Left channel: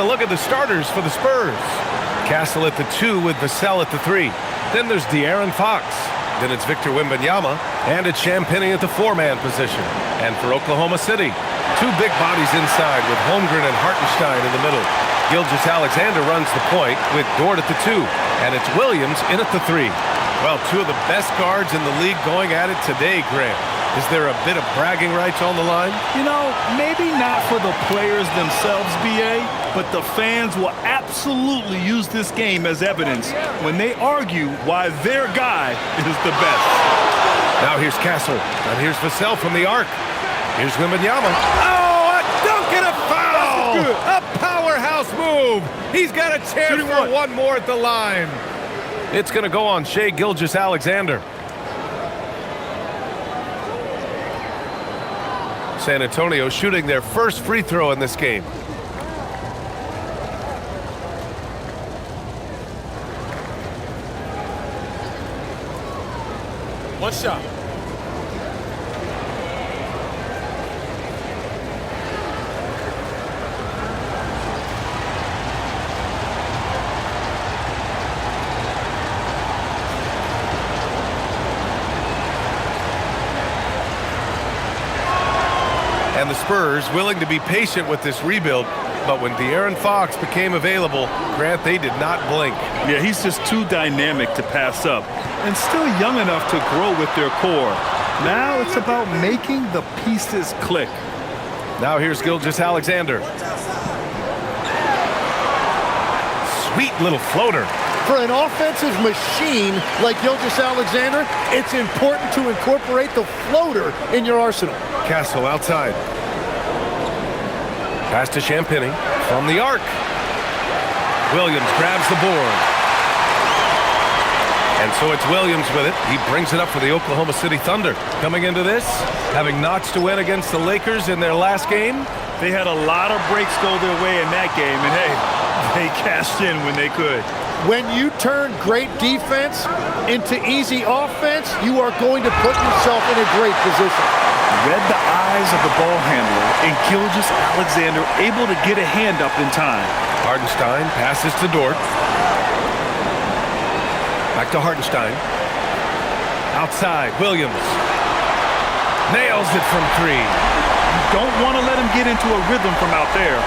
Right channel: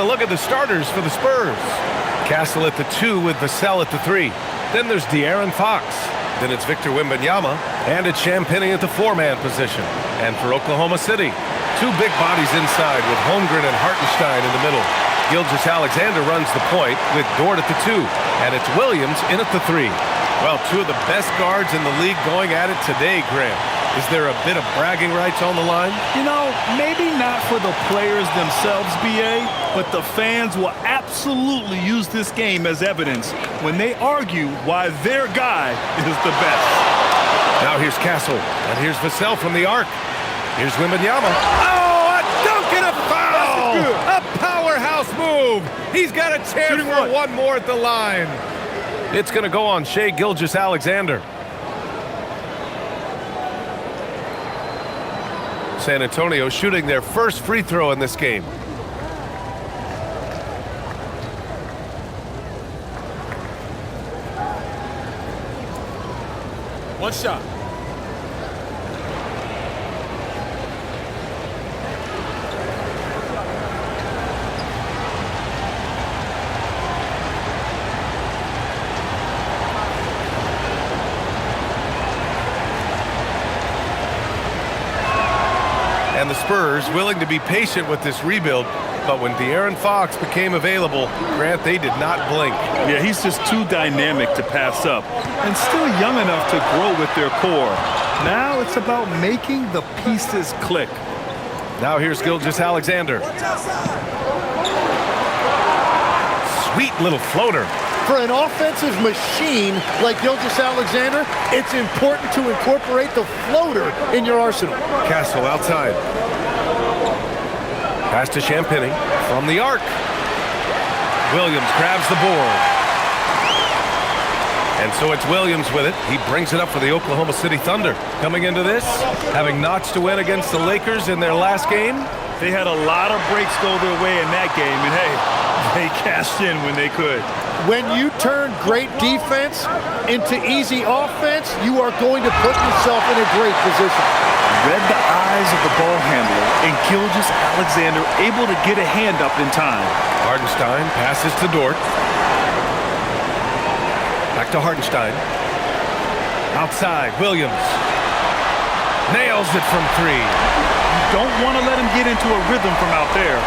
a look at the starters for the Spurs. Castle at the 2 with Vassell at the 3. Then there's De'Aaron Fox. Then it's Victor Wembanyama. And it's Champagnie at the 4-man position. And for Oklahoma City, 2 big bodies inside with Holmgren and Hartenstein in the middle. Gilgeous-Alexander runs the point with Dort at the 2. And it's Williams in at the 3. Well, 2 of the best guards in the league going at it today, Grant. Is there a bit of bragging rights on the line? You know, maybe not for the players themselves, B.A., but the fans will absolutely use this game as evidence when they argue why their guy is the best. Now here's Castle, and here's Vassell from the arc. Here's Wembanyama. Oh, a dunk and a foul! A powerhouse move! He's got a chance for one more at the line. It's going to go on Shai Gilgeous-Alexander. San Antonio shooting their first free throw in this game. One shot. And the Spurs willing to be patient with this rebuild, but when De'Aaron Fox became available, Grant, they did not blink. Yeah, he's just too dynamic to pass up and still young enough to grow with their core. Now it's about making the pieces click. Now here's Gilgeous-Alexander. Sweet little floater. For an offensive machine like Gilgeous-Alexander, it's important to incorporate the floater in your arsenal. Castle outside. Pass to Champagnie from the arc. Williams grabs the board. And so it's Williams with it. He brings it up for the Oklahoma City Thunder. Coming into this, having notched to win against the Lakers in their last game. They had a lot of breaks go their way in that game, and hey, they cashed in when they could. When you turn great defense into easy offense, you are going to put yourself in a great position. Read the eyes of the ball handler, and Gilgeous-Alexander able to get a hand up in time. Hartenstein passes to Dort. Back to Hartenstein. Outside, Williams. Nails it from 3. You don't want to let him get into a rhythm from out there.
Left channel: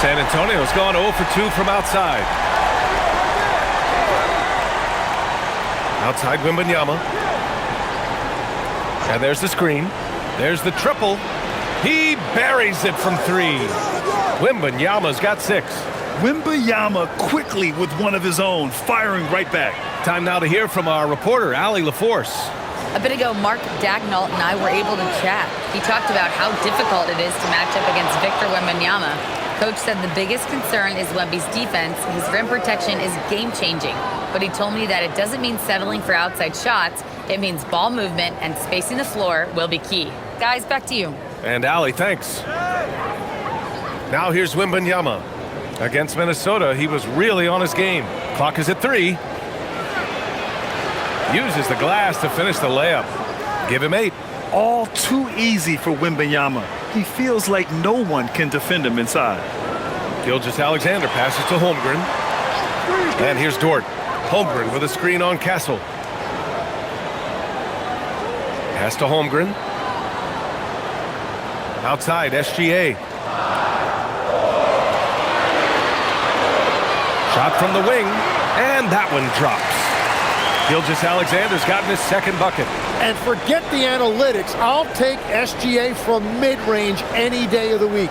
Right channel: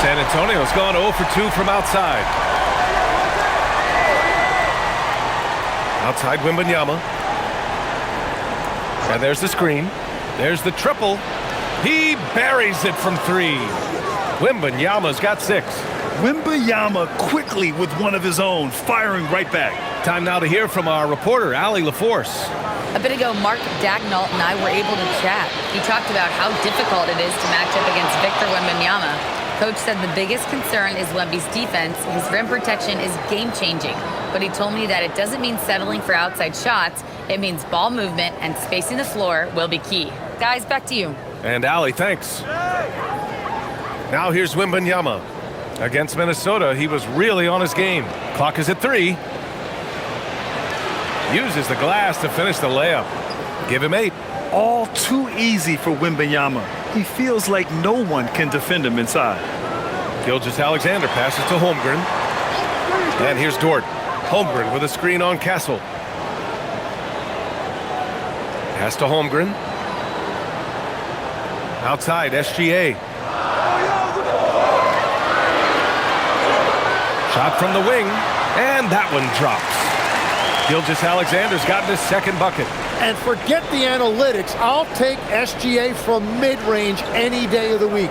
San Antonio's gone 0 for 2 from outside. Outside Wembanyama. And there's the screen. There's the triple. He buries it from 3. Wembanyama's got 6. Wembanyama quickly with one of his own, firing right back. Time now to hear from our reporter, Allie LaForce. A bit ago, Mark Dagnall and I were able to chat. He talked about how difficult it is to match up against Victor Wembanyama. Coach said the biggest concern is Wemby's defense. His rim protection is game-changing. But he told me that it doesn't mean settling for outside shots. It means ball movement and spacing the floor will be key. Guys, back to you. And Allie, thanks. Now here's Wembanyama. Against Minnesota, he was really on his game. Clock is at 3. Uses the glass to finish the layup. Give him 8. All too easy for Wembanyama. He feels like no one can defend him inside. Gilgeous-Alexander passes to Holmgren. And here's Dort. Holmgren with a screen on Castle. Pass to Holmgren. Outside, SGA. Shot from the wing, and that one drops. Gilgeous-Alexander's gotten his second bucket. And forget the analytics. I'll take SGA from mid-range any day of the week.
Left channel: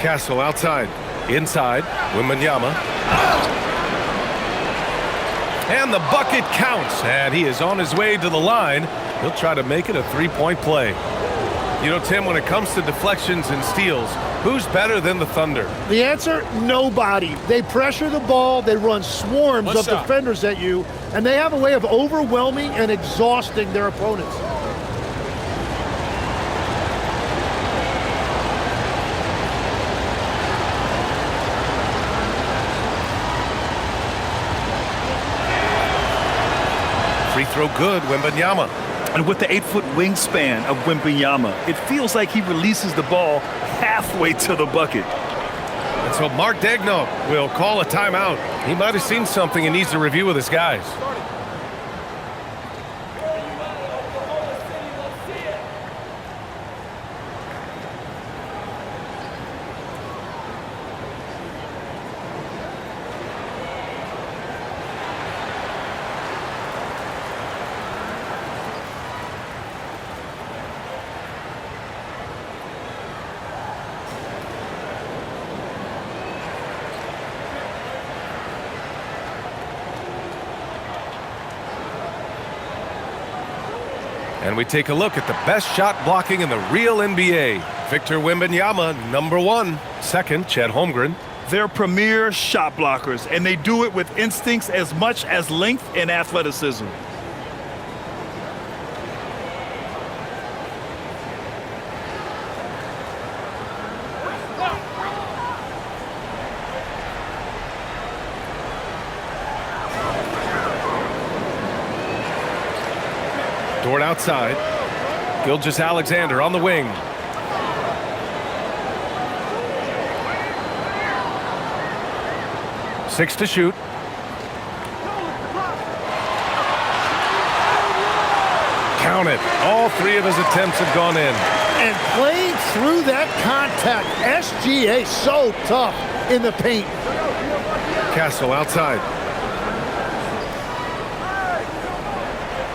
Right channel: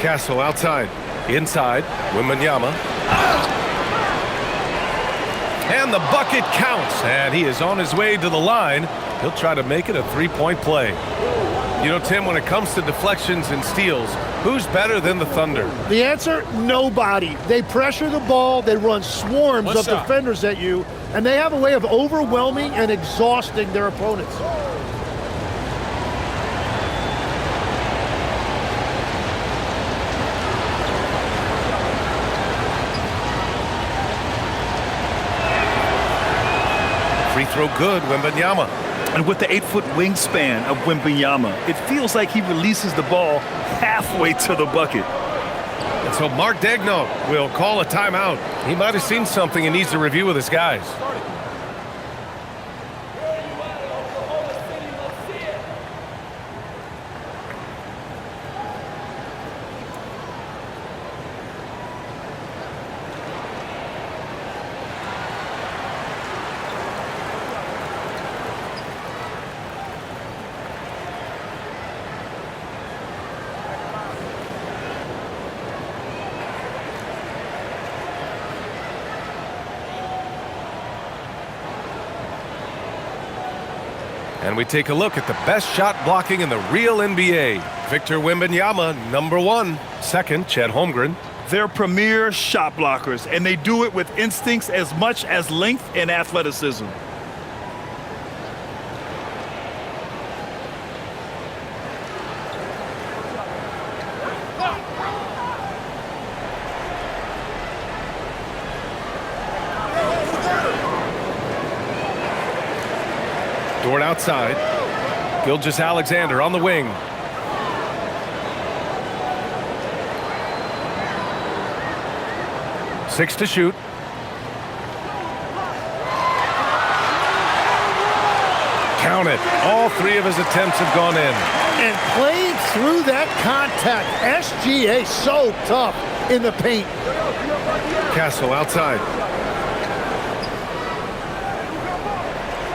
Castle outside. Inside, Wembanyama. And the bucket counts, and he is on his way to the line. He'll try to make it a three-point play. You know, Tim, when it comes to deflections and steals, who's better than the Thunder? The answer, nobody. They pressure the ball, they run swarms of defenders at you, and they have a way of overwhelming and exhausting their opponents. Free throw good, Wembanyama. And with the 8-foot wingspan of Wembanyama, it feels like he releases the ball halfway to the bucket. And so Mark Daigneault will call a timeout. He might have seen something and needs to review with his guys. And we take a look at the best shot blocking in the real NBA. Victor Wembanyama, number 1. Second, Chet Holmgren. They're premier shot blockers, and they do it with instincts as much as length and athleticism. Dort outside. Gilgeous-Alexander on the wing. Six to shoot. Count it. All 3 of his attempts have gone in. And playing through that contact, SGA so tough in the paint. Castle outside.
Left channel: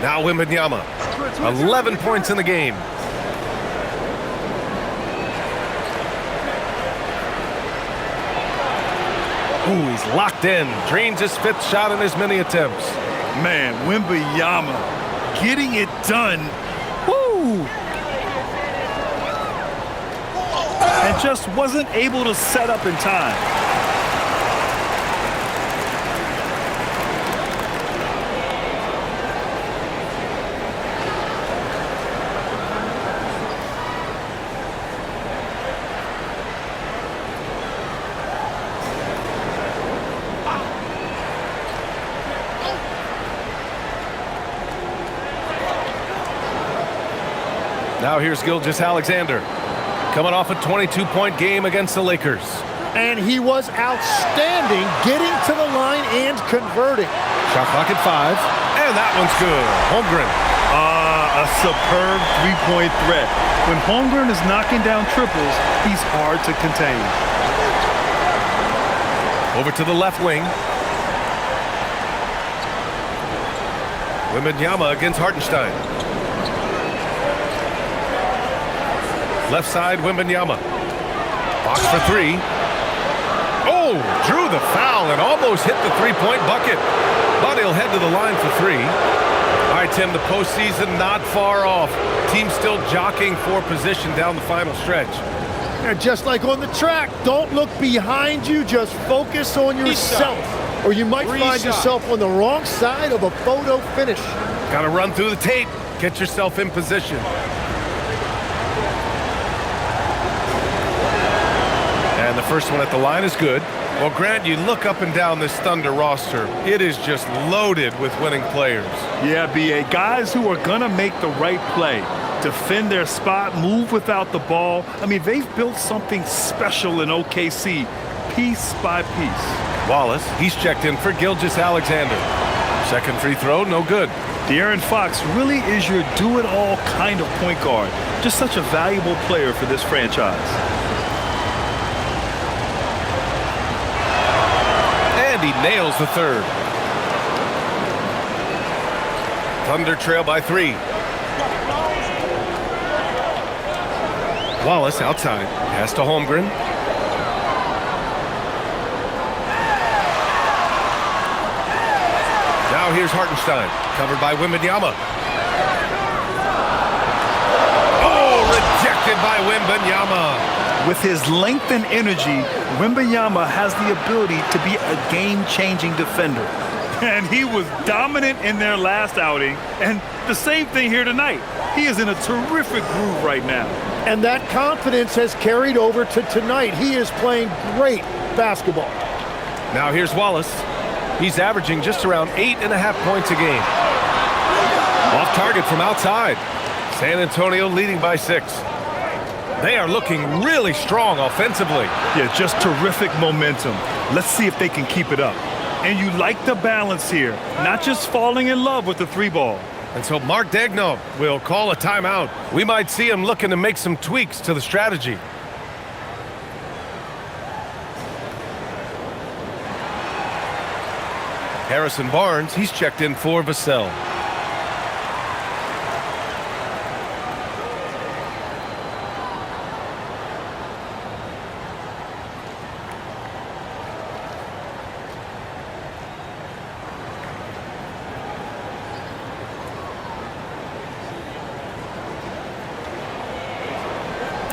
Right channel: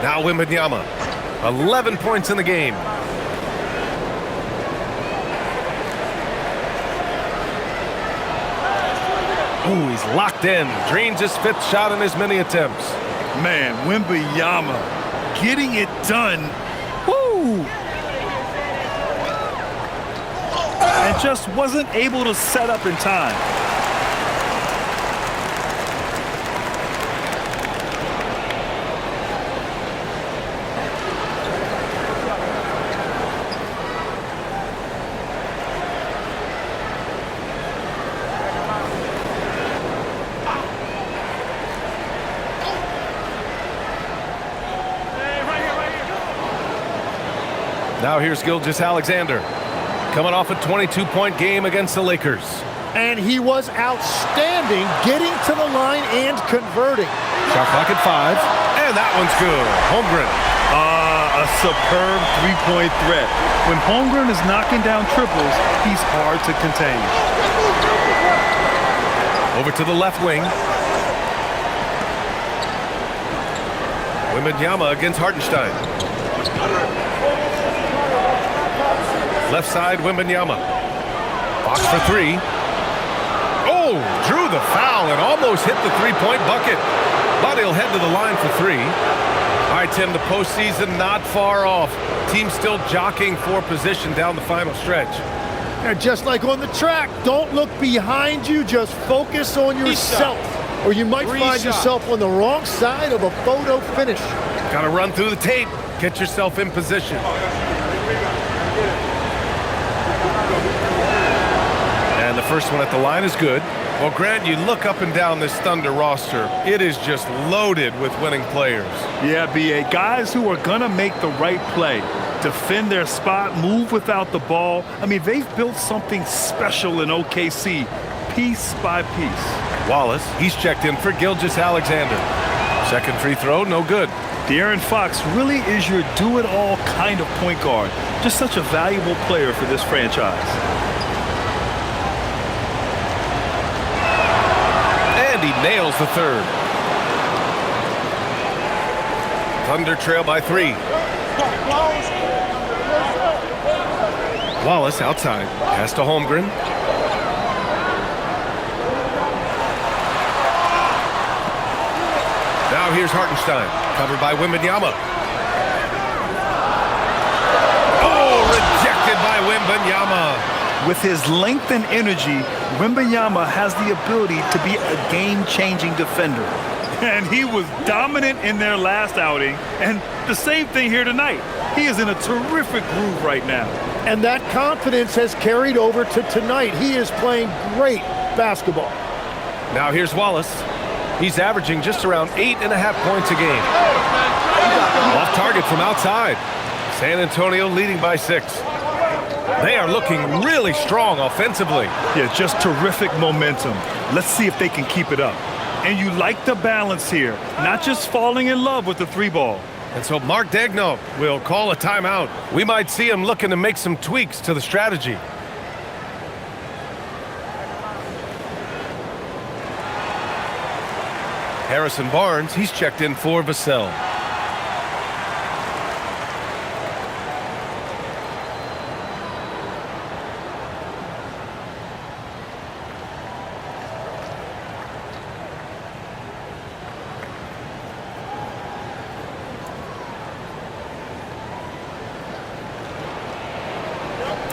Now Wembanyama. 11 points in the game. Ooh, he's locked in. Drains his 5th shot in his many attempts. Man, Wembanyama getting it done. Woo! And just wasn't able to set up in time. Now here's Gilgeous-Alexander, coming off a 22-point game against the Lakers. And he was outstanding getting to the line and converting. Shot clock at 5, and that one's good. Holmgren. A superb three-point threat. When Holmgren is knocking down triples, he's hard to contain. Over to the left wing. Wembanyama against Hartenstein. Left side, Wembanyama. Fox for 3. Oh, drew the foul and almost hit the three-point bucket. But he'll head to the line for 3. All right, Tim, the postseason not far off. Team still jockeying for position down the final stretch. And just like on the track, don't look behind you, just focus on yourself. Or you might find yourself on the wrong side of a photo finish. Got to run through the tape, get yourself in position. And the first one at the line is good. Well, Grant, you look up and down this Thunder roster. It is just loaded with winning players. Yeah, B.A. Guys who are going to make the right play, defend their spot, move without the ball. I mean, they've built something special in OKC, piece by piece. Wallace, he's checked in for Gilgeous-Alexander. Second free throw, no good. De'Aaron Fox really is your do-it-all kind of point guard. Just such a valuable player for this franchise. And he nails the third. Thunder trail by 3. Wallace outside. Pass to Holmgren. Now here's Hartenstein. Covered by Wembanyama. Oh, rejected by Wembanyama. With his length and energy, Wembanyama has the ability to be a game-changing defender. And he was dominant in their last outing, and the same thing here tonight. He is in a terrific groove right now. And that confidence has carried over to tonight. He is playing great basketball. Now here's Wallace. He's averaging just around 8.5 points a game. Off target from outside. San Antonio leading by 6. They are looking really strong offensively. Yeah, just terrific momentum. Let's see if they can keep it up. And you like the balance here, not just falling in love with the 3-ball. And so Mark Daigneault will call a timeout. We might see him looking to make some tweaks to the strategy. Harrison Barnes, he's checked in for Vassell.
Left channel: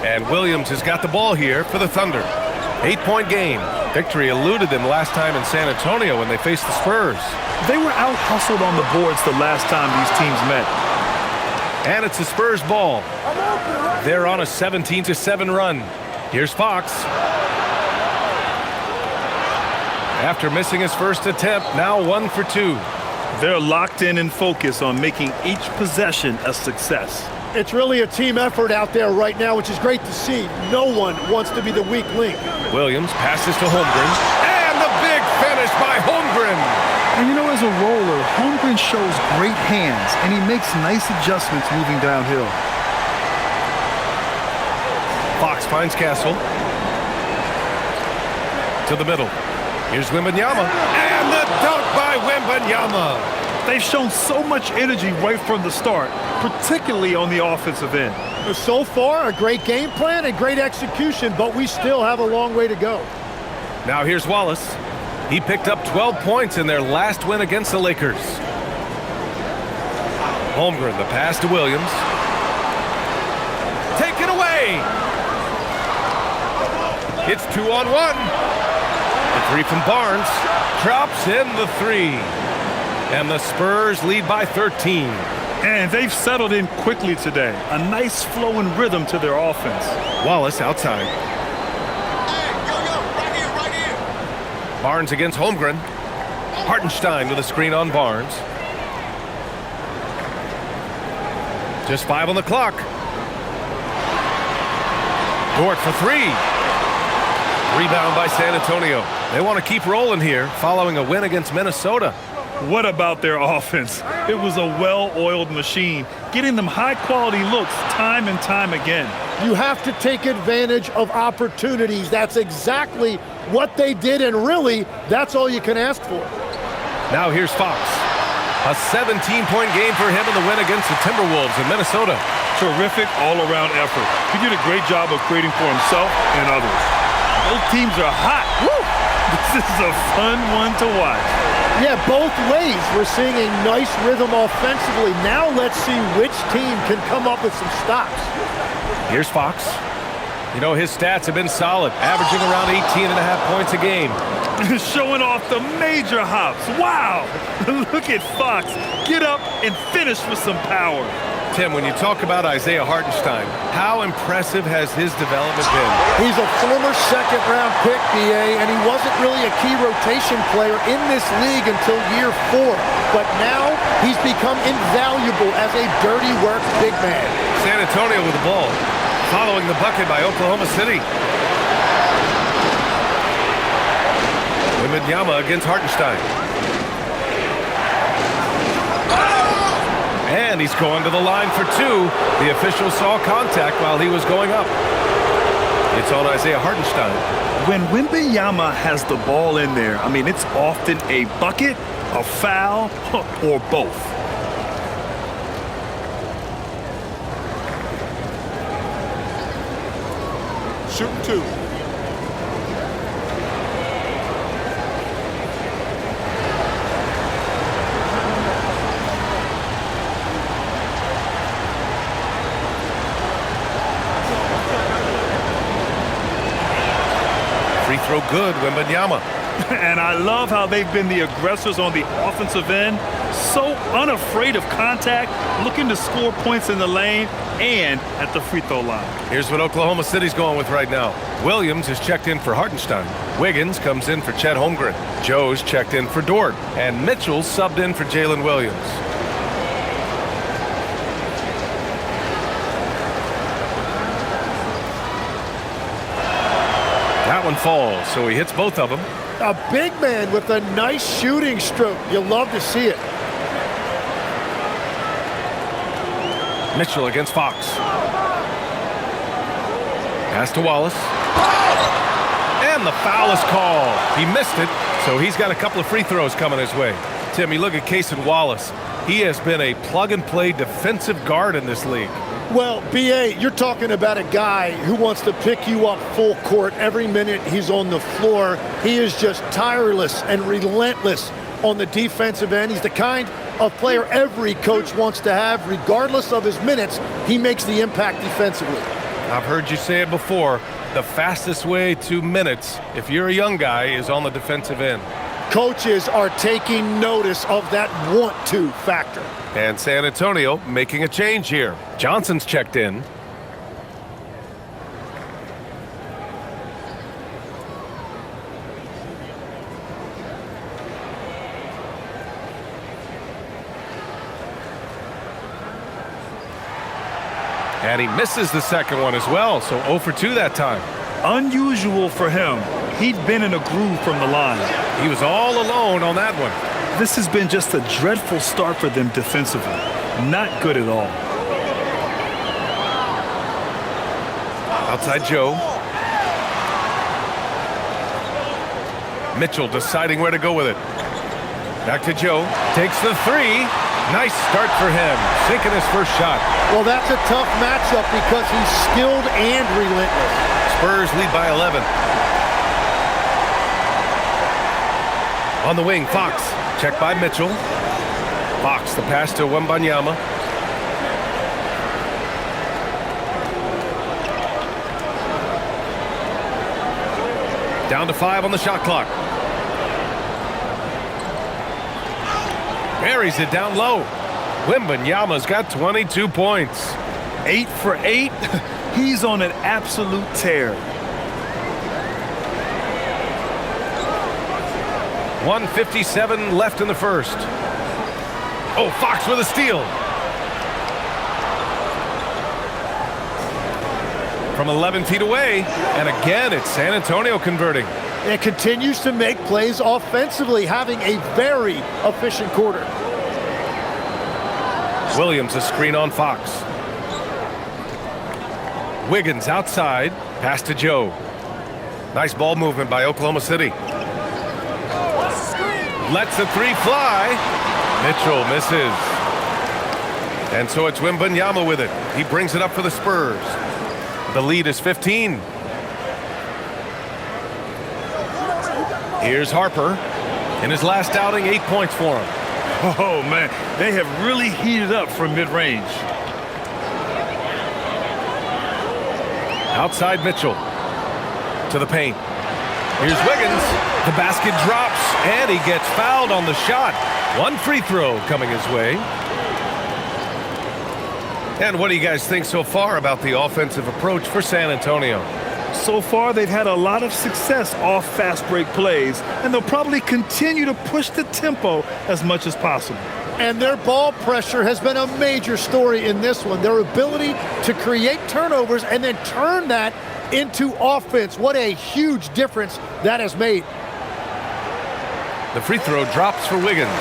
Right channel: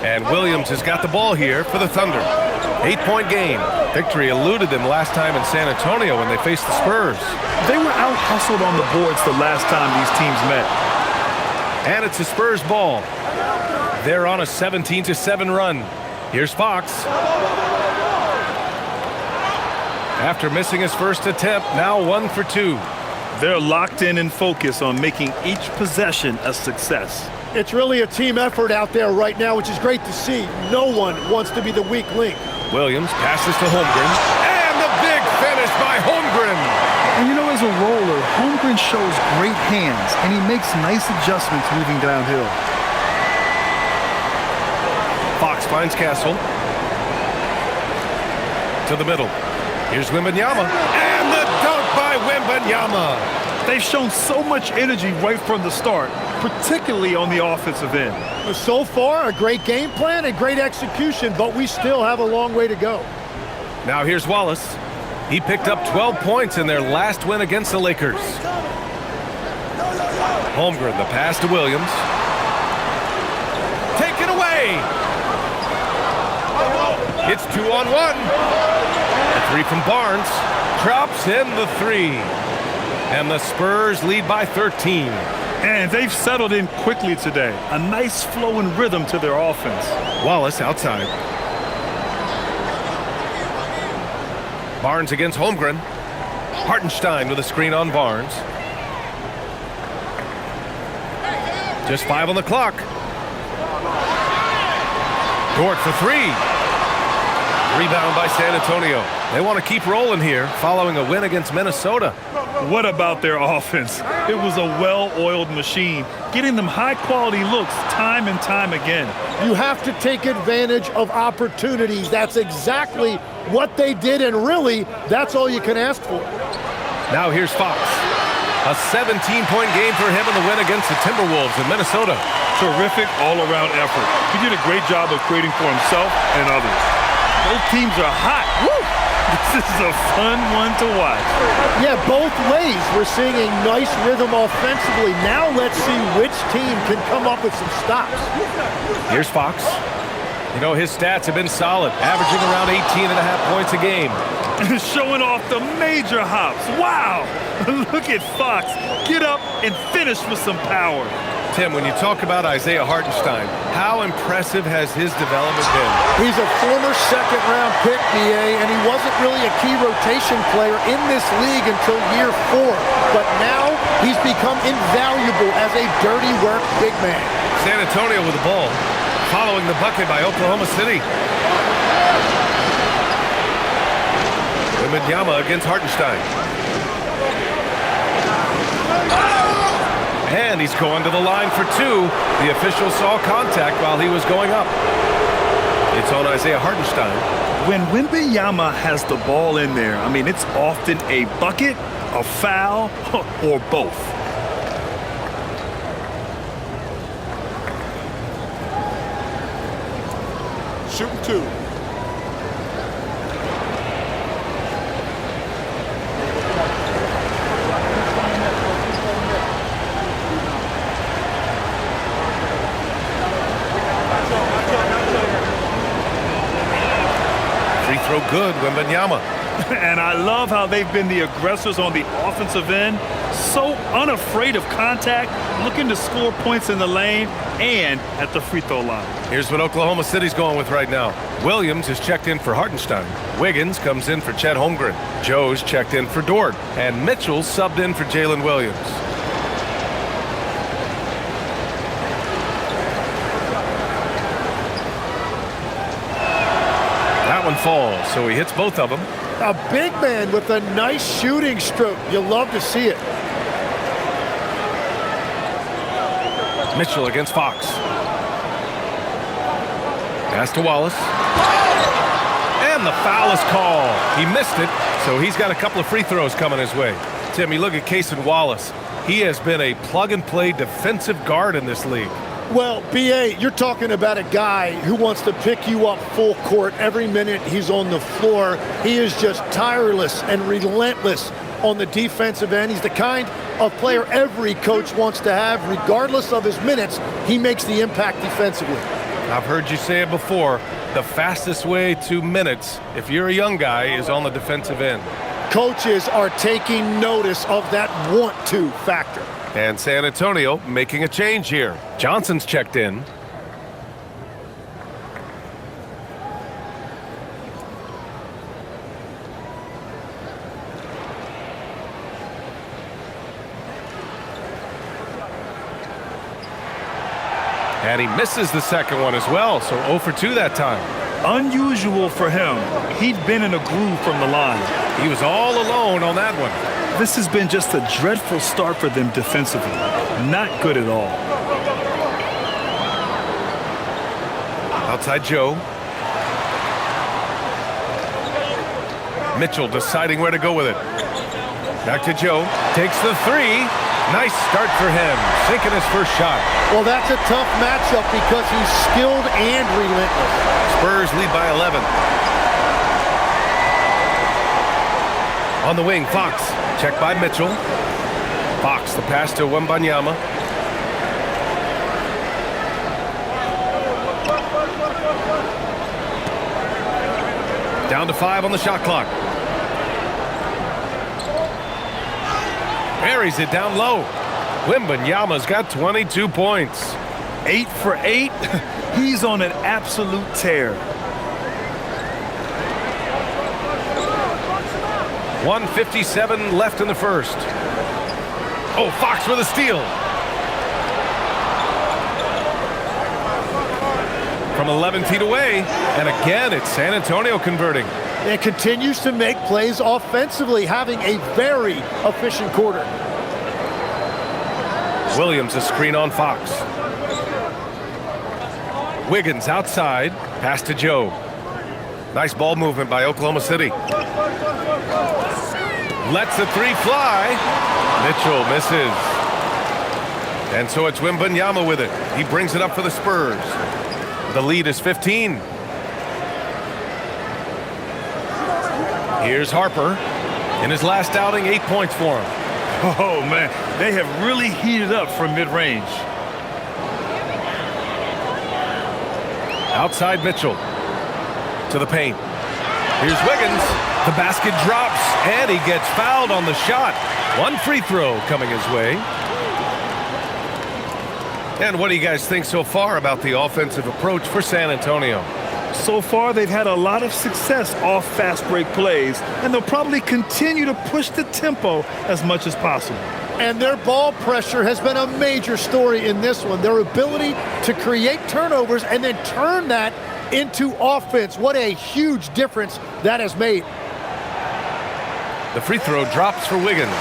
And Williams has got the ball here for the Thunder. 8-point game. Victory eluded them last time in San Antonio when they faced the Spurs. They were out-hustled on the boards the last time these teams met. And it's the Spurs ball. They're on a 17-7 run. Here's Fox. After missing his first attempt, now 1 for 2. They're locked in and focused on making each possession a success. It's really a team effort out there right now, which is great to see. No one wants to be the weak link. Williams passes to Holmgren. And the big finish by Holmgren. And you know, as a roller, Holmgren shows great hands, and he makes nice adjustments moving downhill. Fox finds Castle. To the middle. Here's Wembanyama. And the dunk by Wembanyama. They've shown so much energy right from the start, particularly on the offensive end. So far, a great game plan and great execution, but we still have a long way to go. Now here's Wallace. He picked up 12 points in their last win against the Lakers. Holmgren, the pass to Williams. Take it away. It's 2-on-1. The 3 from Barnes. Drops in the 3. And the Spurs lead by 13. And they've settled in quickly today. A nice flow and rhythm to their offense. Wallace outside. Barnes against Holmgren. Hartenstein with a screen on Barnes. Just 5 on the clock. Dort for 3. Rebound by San Antonio. They want to keep rolling here following a win against Minnesota. What about their offense? It was a well-oiled machine, getting them high-quality looks time and time again. You have to take advantage of opportunities. That's exactly what they did, and really, that's all you can ask for. Now here's Fox. A 17-point game for him in the win against the Timberwolves in Minnesota. Terrific all-around effort. He did a great job of creating for himself and others. Both teams are hot. Woo! This is a fun one to watch. Yeah, both ways. We're seeing a nice rhythm offensively. Now let's see which team can come up with some stops. Here's Fox. You know, his stats have been solid, averaging around 18.5 points a game. Showing off the major hops. Wow! Look at Fox. Get up and finish with some power. Tim, when you talk about Isaiah Hartenstein, how impressive has his development been? He's a former second-round pick, BA, and he wasn't really a key rotation player in this league until year 4. But now he's become invaluable as a dirty work big man. San Antonio with the ball, following the bucket by Oklahoma City. Wembanyama against Hartenstein. And he's going to the line for 2. The official saw contact while he was going up. It's on Isaiah Hartenstein. When Wembanyama has the ball in there, I mean, it's often a bucket, a foul, or both. Shooting 2. Free throw good, Wembanyama. And I love how they've been the aggressors on the offensive end. So unafraid of contact, looking to score points in the lane and at the free throw line. Here's what Oklahoma City's going with right now. Williams is checked in for Hartenstein. Wiggins comes in for Chet Holmgren. Joe's checked in for Dort. And Mitchell's subbed in for Jalen Williams. That one falls, so he hits both of them. A big man with a nice shooting stroke. You love to see it. Mitchell against Fox. Pass to Wallace. And the foul is called. He missed it, so he's got a couple of free throws coming his way. Tim, you look at Cason Wallace. He has been a plug-and-play defensive guard in this league. Well, B.A., you're talking about a guy who wants to pick you up full court every minute he's on the floor. He is just tireless and relentless on the defensive end. He's the kind of player every coach wants to have. Regardless of his minutes, he makes the impact defensively. I've heard you say it before. The fastest way to minutes, if you're a young guy, is on the defensive end. Coaches are taking notice of that want-to factor. And San Antonio making a change here. Johnson's checked in. And he misses the second one as well, so 0 for 2 that time. Unusual for him. He'd been in a groove from the line. He was all alone on that one. This has been just a dreadful start for them defensively. Not good at all. Outside Joe. Mitchell deciding where to go with it. Back to Joe. Takes the three. Nice start for him. Sinking his first shot. Well, that's a tough matchup because he's skilled and relentless. Spurs lead by 11. On the wing, Fox. Checked by Mitchell. Fox, the pass to Wembanyama. Down to 5 on the shot clock. Buries it down low. Wembanyama's got 22 points. 8 for 8. He's on an absolute tear. 1:57 left in the first. Oh, Fox with a steal. From 11 feet away. And again, it's San Antonio converting. It continues to make plays offensively, having a very efficient quarter. Williams a screen on Fox. Wiggins outside. Pass to Joe. Nice ball movement by Oklahoma City. Lets the three fly. Mitchell misses. And so it's Wembanyama with it. He brings it up for the Spurs. The lead is 15. Here's Harper. In his last outing, 8 points for him. Oh, man. They have really heated up from mid-range. Outside Mitchell. To the paint. Here's Wiggins. The basket drops, and he gets fouled on the shot. One free throw coming his way. And what do you guys think so far about the offensive approach for San Antonio? So far, they've had a lot of success off fast break plays, and they'll probably continue to push the tempo as much as possible. And their ball pressure has been a major story in this one. Their ability to create turnovers and then turn that into offense. What a huge difference that has made. The free throw drops for Wiggins.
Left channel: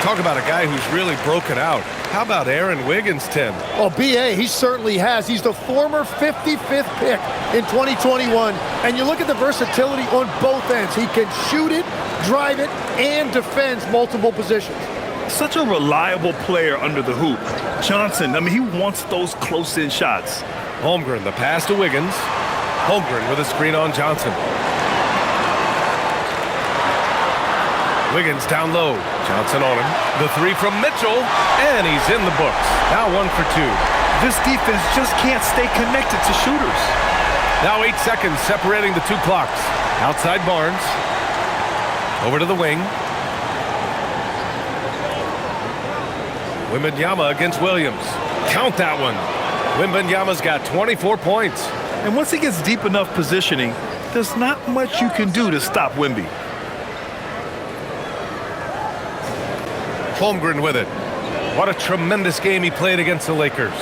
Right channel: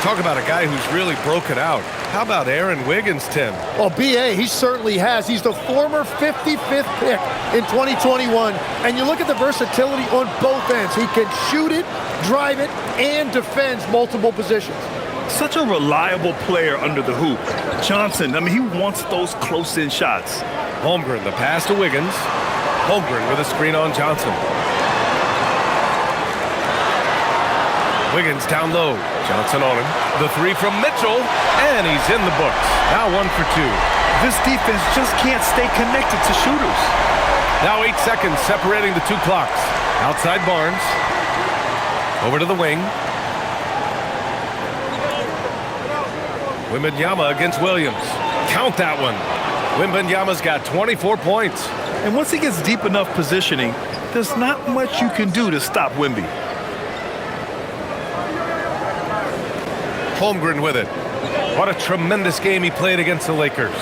Talk about a guy who's really broken out. How about Aaron Wiggins, Tim? Well, B.A., he certainly has. He's the former 55th pick in 2021. And you look at the versatility on both ends. He can shoot it, drive it, and defends multiple positions. Such a reliable player under the hoop. Johnson, I mean, he wants those close-in shots. Holmgren, the pass to Wiggins. Holmgren with a screen on Johnson. Wiggins down low. Johnson on him. The three from Mitchell, and he's in the books. Now 1 for 2. This defense just can't stay connected to shooters. Now 8 seconds separating the two clocks. Outside Barnes. Over to the wing. Wembanyama against Williams. Count that one. Wembanyama's got 24 points. And once he gets deep enough positioning, there's not much you can do to stop Wemby. Holmgren with it. What a tremendous game he played against the Lakers.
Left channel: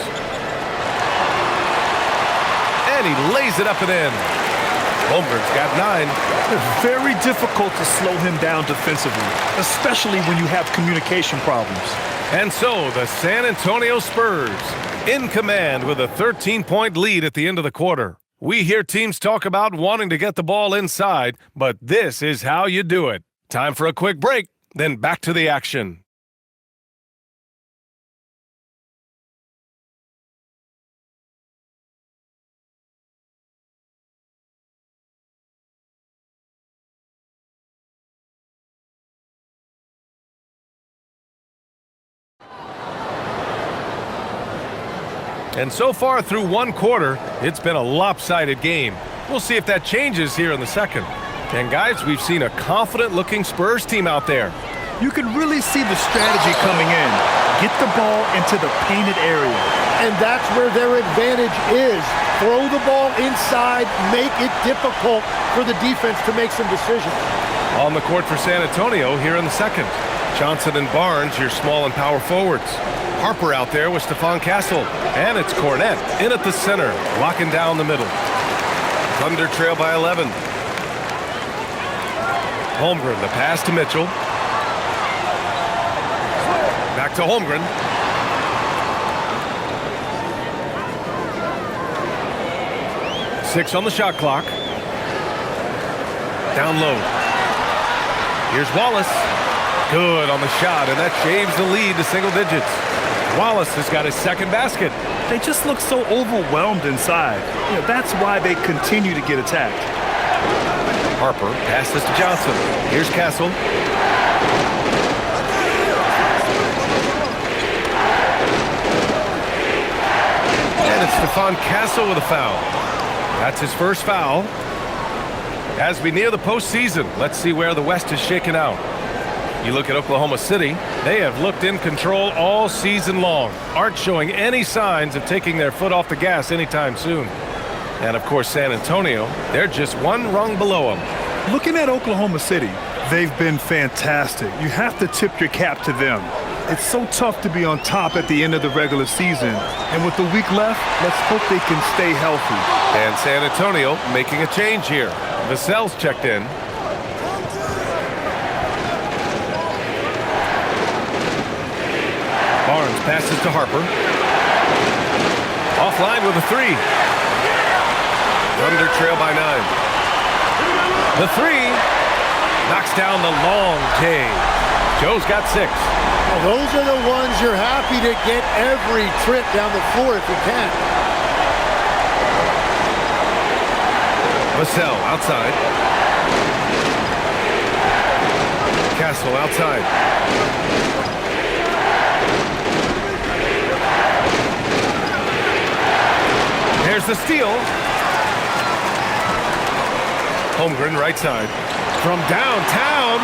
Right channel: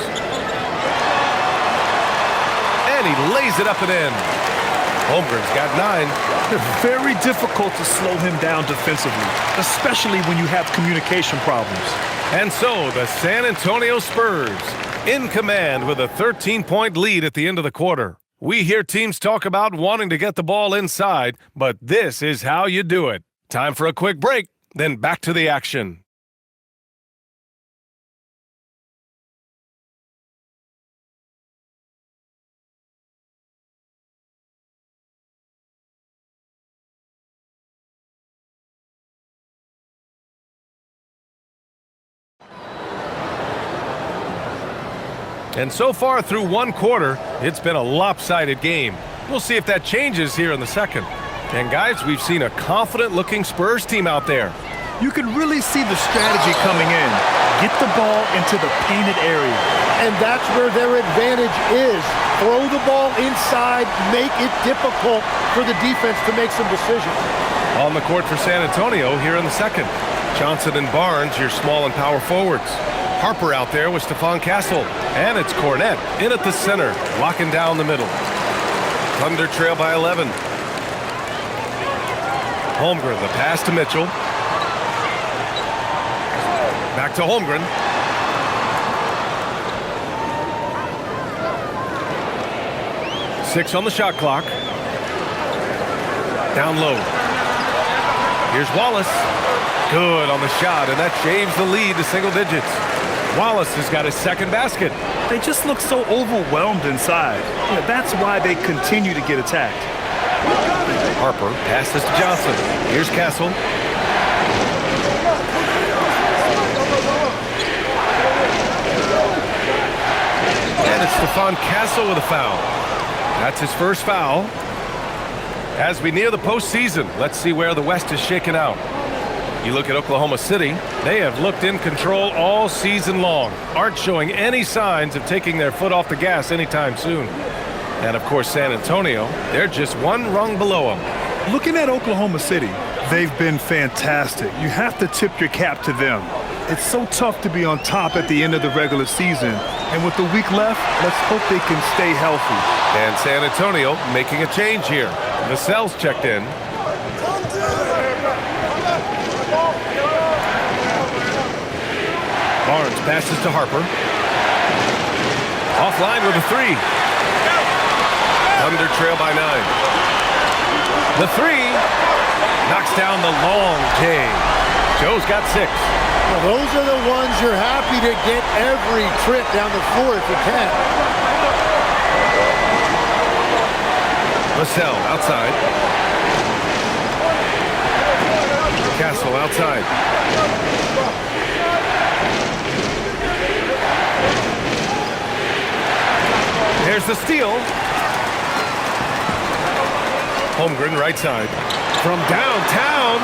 And he lays it up and in. Holmgren's got 9. It's very difficult to slow him down defensively, especially when you have communication problems. And so the San Antonio Spurs in command with a 13-point lead at the end of the quarter. We hear teams talk about wanting to get the ball inside, but this is how you do it. Time for a quick break, then back to the action. And so far through one quarter, it's been a lopsided game. We'll see if that changes here in the second. And guys, we've seen a confident-looking Spurs team out there. You can really see the strategy coming in. Get the ball into the painted area. And that's where their advantage is. Throw the ball inside, make it difficult for the defense to make some decisions. On the court for San Antonio here in the second. Johnson and Barnes, your small and power forwards. Harper out there with Stephon Castle. And it's Cornette in at the center, locking down the middle. Thunder trail by 11. Holmgren, the pass to Mitchell. Back to Holmgren. Six on the shot clock. Down low. Here's Wallace. Good on the shot, and that shaves the lead to single digits. Wallace has got his second basket. They just look so overwhelmed inside. That's why they continue to get attacked. Harper passes to Johnson. Here's Castle. And it's Stephon Castle with a foul. That's his first foul. As we near the postseason, let's see where the West is shaken out. You look at Oklahoma City, they have looked in control all season long, aren't showing any signs of taking their foot off the gas anytime soon. And of course, San Antonio, they're just one rung below them. Looking at Oklahoma City, they've been fantastic. You have to tip your cap to them. It's so tough to be on top at the end of the regular season. And with the week left, let's hope they can stay healthy. And San Antonio making a change here. Vassell's checked in. Barnes passes to Harper. Offline with a 3. Thunder trail by 9. The 3 knocks down the long J. Joe's got 6. Well, those are the ones you're happy to get every trip down the floor if you can. Vassell outside. Castle outside. There's the steal. Holmgren right side. From downtown,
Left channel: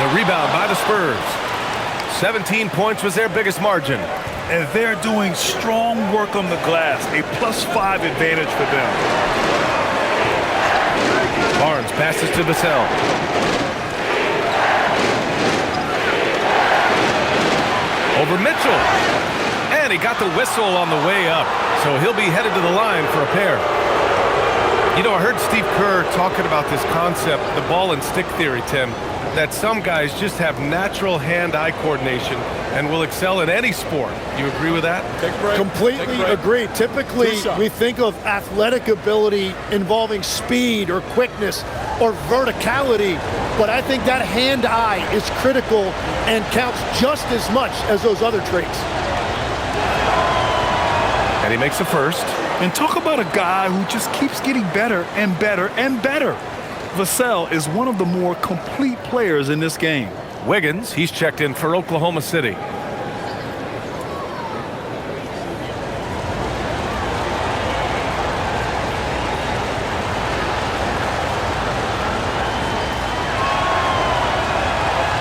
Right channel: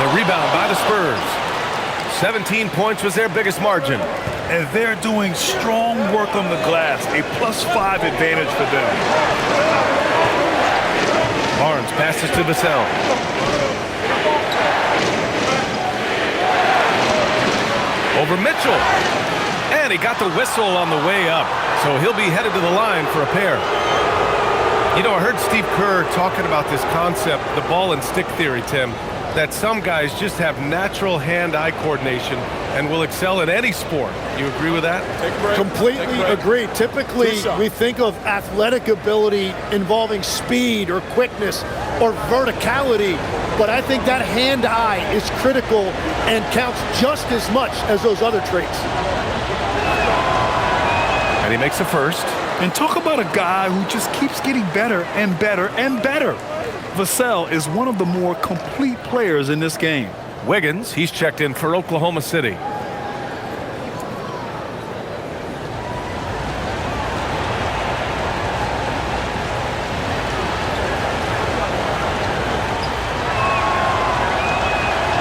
the rebound by the Spurs. 17 points was their biggest margin. And they're doing strong work on the glass, a +5 advantage for them. Barnes passes to Vassell. Over Mitchell. And he got the whistle on the way up. So he'll be headed to the line for a pair. You know, I heard Steve Kerr talking about this concept, the ball and stick theory, Tim, that some guys just have natural hand-eye coordination and will excel in any sport. You agree with that? Take a break. Completely agree. Typically, we think of athletic ability involving speed or quickness or verticality, but I think that hand-eye is critical and counts just as much as those other traits. And he makes a first. And talk about a guy who just keeps getting better and better and better. Vassell is one of the more complete players in this game. Wiggins, he's checked in for Oklahoma City.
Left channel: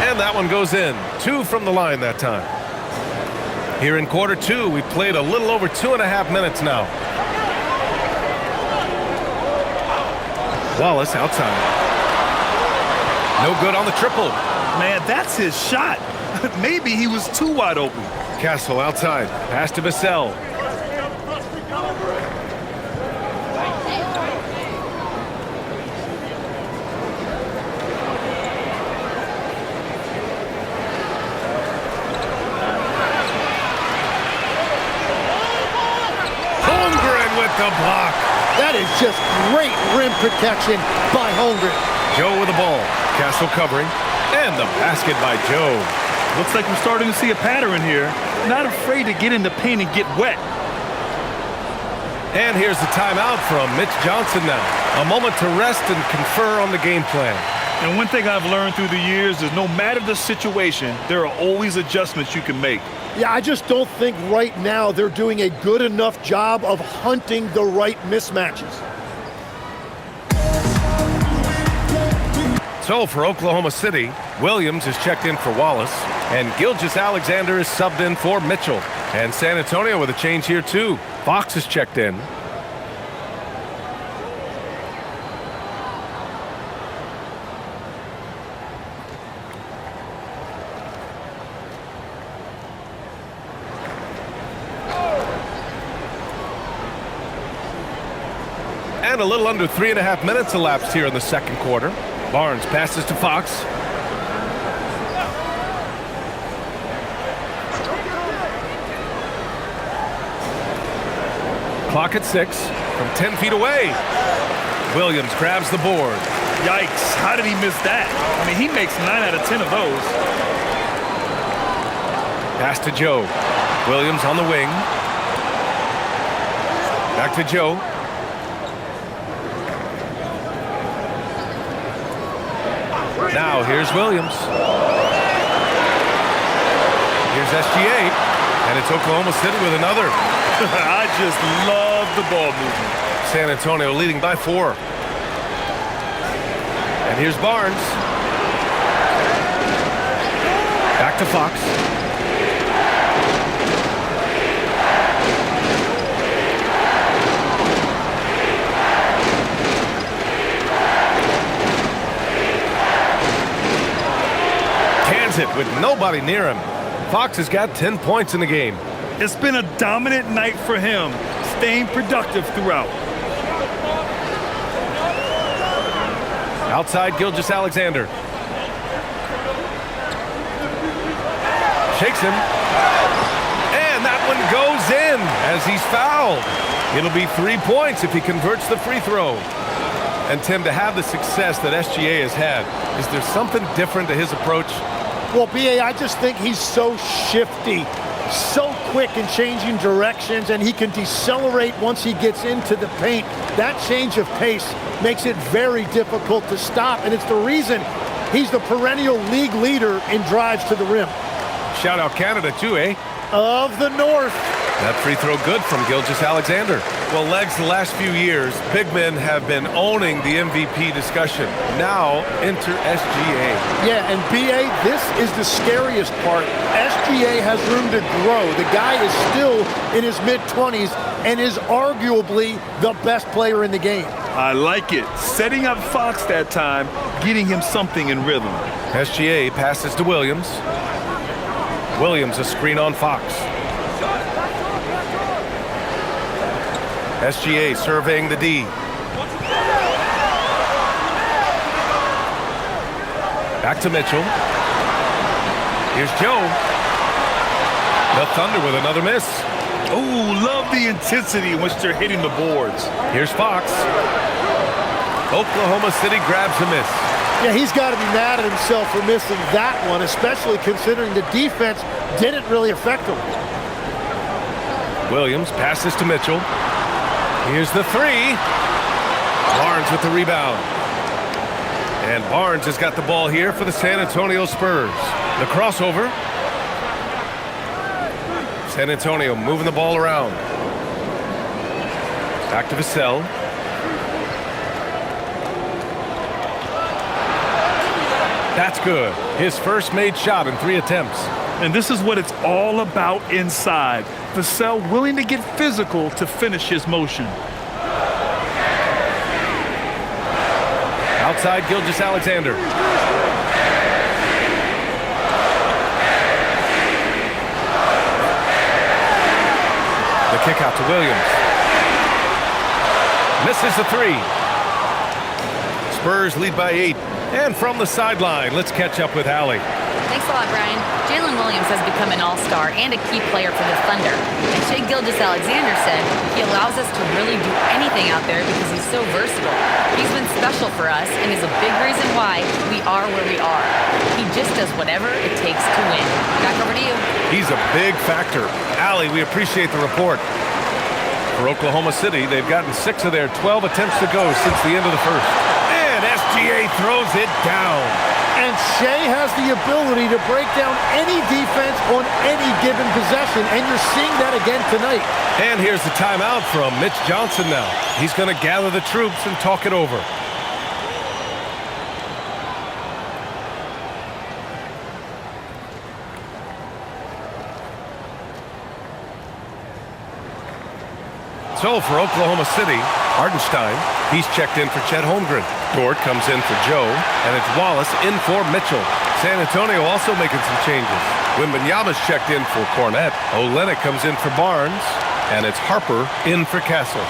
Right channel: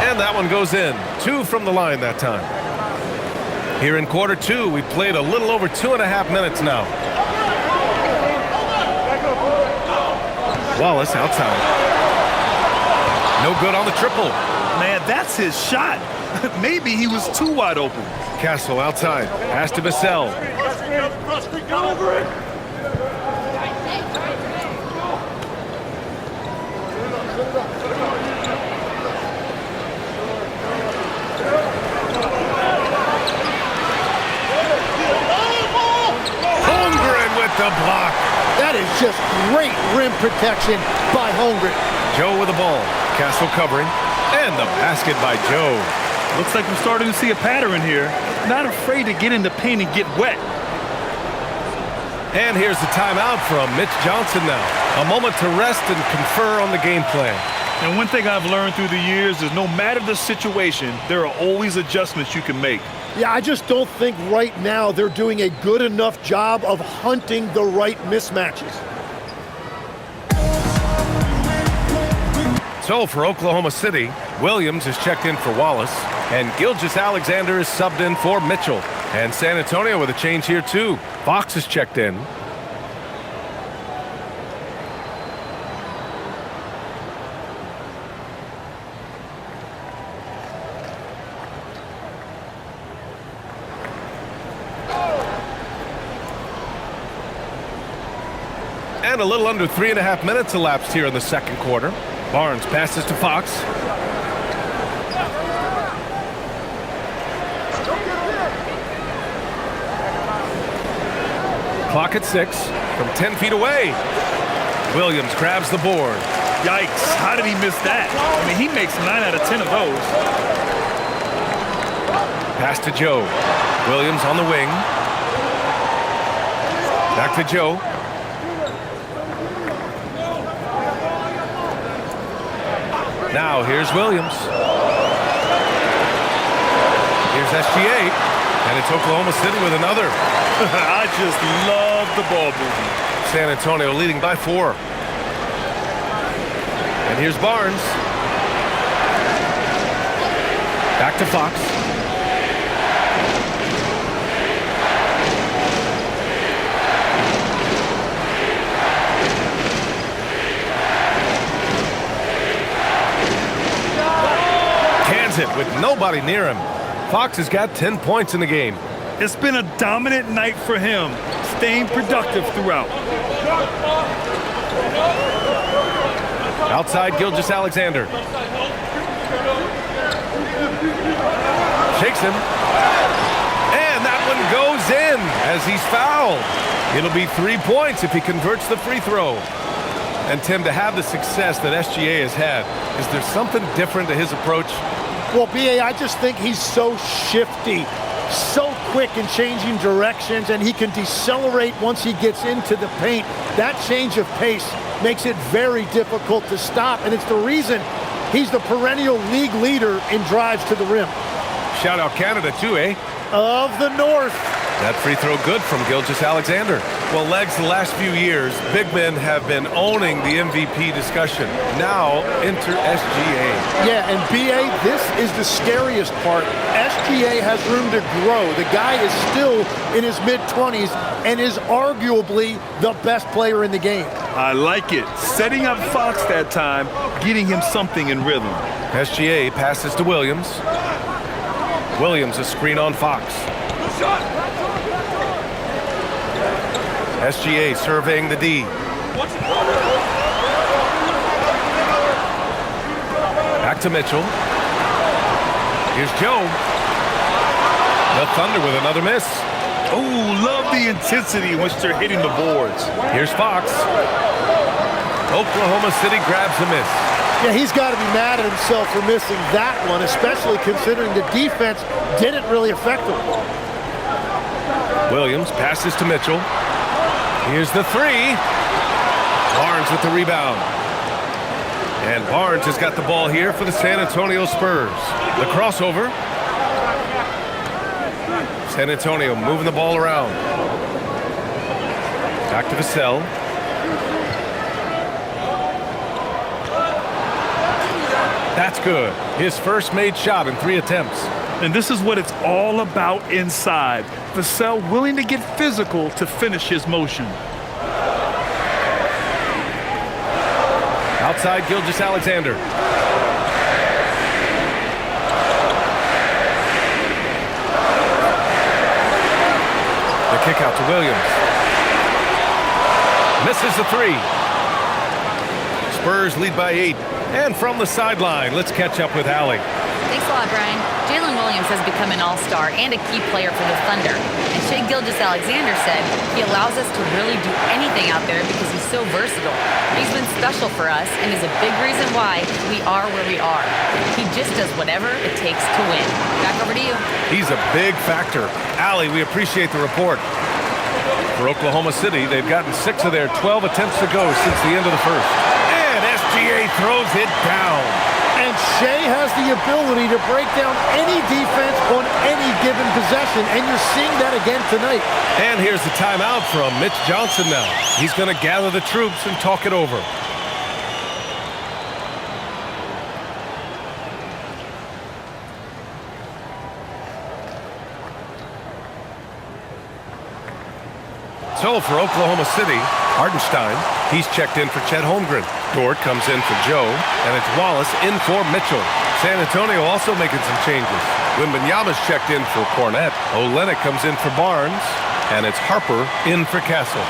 And that one goes in. 2 from the line that time. Here in quarter 2, we played a little over 2.5 minutes now. Wallace outside. No good on the triple. Man, that's his shot. Maybe he was too wide open. Castle outside. Pass to Vassell. the block. That is just great rim protection by Holmgren. Joe with the ball. Castle covering. And the basket by Joe. Looks like we're starting to see a pattern here. Not afraid to get in the paint and get wet. And here's the timeout from Mitch Johnson now. A moment to rest and confer on the game plan. And one thing I've learned through the years is no matter the situation, there are always adjustments you can make. Yeah, I just don't think right now they're doing a good enough job of hunting the right mismatches. So for Oklahoma City, Williams is checked in for Wallace, and Gilgeous-Alexander is subbed in for Mitchell. And San Antonio with a change here too. Fox is checked in. And a little under 3.5 minutes elapsed here in the second quarter. Barnes passes to Fox. Clock at 6 from 10 feet away. Williams grabs the board. Yikes, how did he miss that? I mean, he makes 9 out of 10 of those. Pass to Joe. Williams on the wing. Back to Joe. Now here's Williams. Here's SGA. And it's Oklahoma City with another. I just love the ball movement. San Antonio leading by 4. And here's Barnes. Back to Fox. Cans it with nobody near him. Fox has got 10 points in the game. It's been a dominant night for him, staying productive throughout. Outside Gilgeous-Alexander. Shakes him. And that one goes in as he's fouled. It'll be 3 points if he converts the free throw. And Tim, to have the success that SGA has had, is there something different to his approach? Well, B.A., I just think he's so shifty, so quick in changing directions, and he can decelerate once he gets into the paint. That change of pace makes it very difficult to stop, and it's the reason he's the perennial league leader in drives to the rim. Shout out Canada too, eh? Of the North. That free throw good from Gilgeous-Alexander. Well, Legs, the last few years, big men have been owning the MVP discussion. Now, enter SGA. Yeah, and B.A., this is the scariest part. SGA has room to grow. The guy is still in his mid-20s and is arguably the best player in the game. I like it. Setting up Fox that time, getting him something in rhythm. SGA passes to Williams. Williams a screen on Fox. SGA surveying the D. Back to Mitchell. Here's Joe. The Thunder with another miss. Oh, love the intensity in which they're hitting the boards. Here's Fox. Oklahoma City grabs a miss. Yeah, he's got to be mad at himself for missing that one, especially considering the defense didn't really affect him. Williams passes to Mitchell. Here's the three. Barnes with the rebound. And Barnes has got the ball here for the San Antonio Spurs. The crossover. San Antonio moving the ball around. Back to Vassell. That's good. His first made shot in 3 attempts. And this is what it's all about inside. Vassell willing to get physical to finish his motion. Outside Gilgeous-Alexander. The kick out to Williams. Misses the 3. Spurs lead by 8. And from the sideline, let's catch up with Allie. Thanks a lot, Brian. Jalen Williams has become an all-star and a key player for the Thunder. And Shai Gilgeous-Alexander said he allows us to really do anything out there because he's so versatile. He's been special for us and is a big reason why we are where we are. He just does whatever it takes to win. Back over to you. He's a big factor. Allie, we appreciate the report. For Oklahoma City, they've gotten 6 of their 12 attempts to go since the end of the first. And SGA throws it down. And Shai has the ability to break down any defense on any given possession, and you're seeing that again tonight. And here's the timeout from Mitch Johnson now. He's going to gather the troops and talk it over. So for Oklahoma City, Hartenstein, he's checked in for Chet Holmgren. Dort comes in for Joe, and it's Wallace in for Mitchell. San Antonio also making some changes. Wembanyama's checked in for Cornette. Olynyk comes in for Barnes, and it's Harper in for Castle.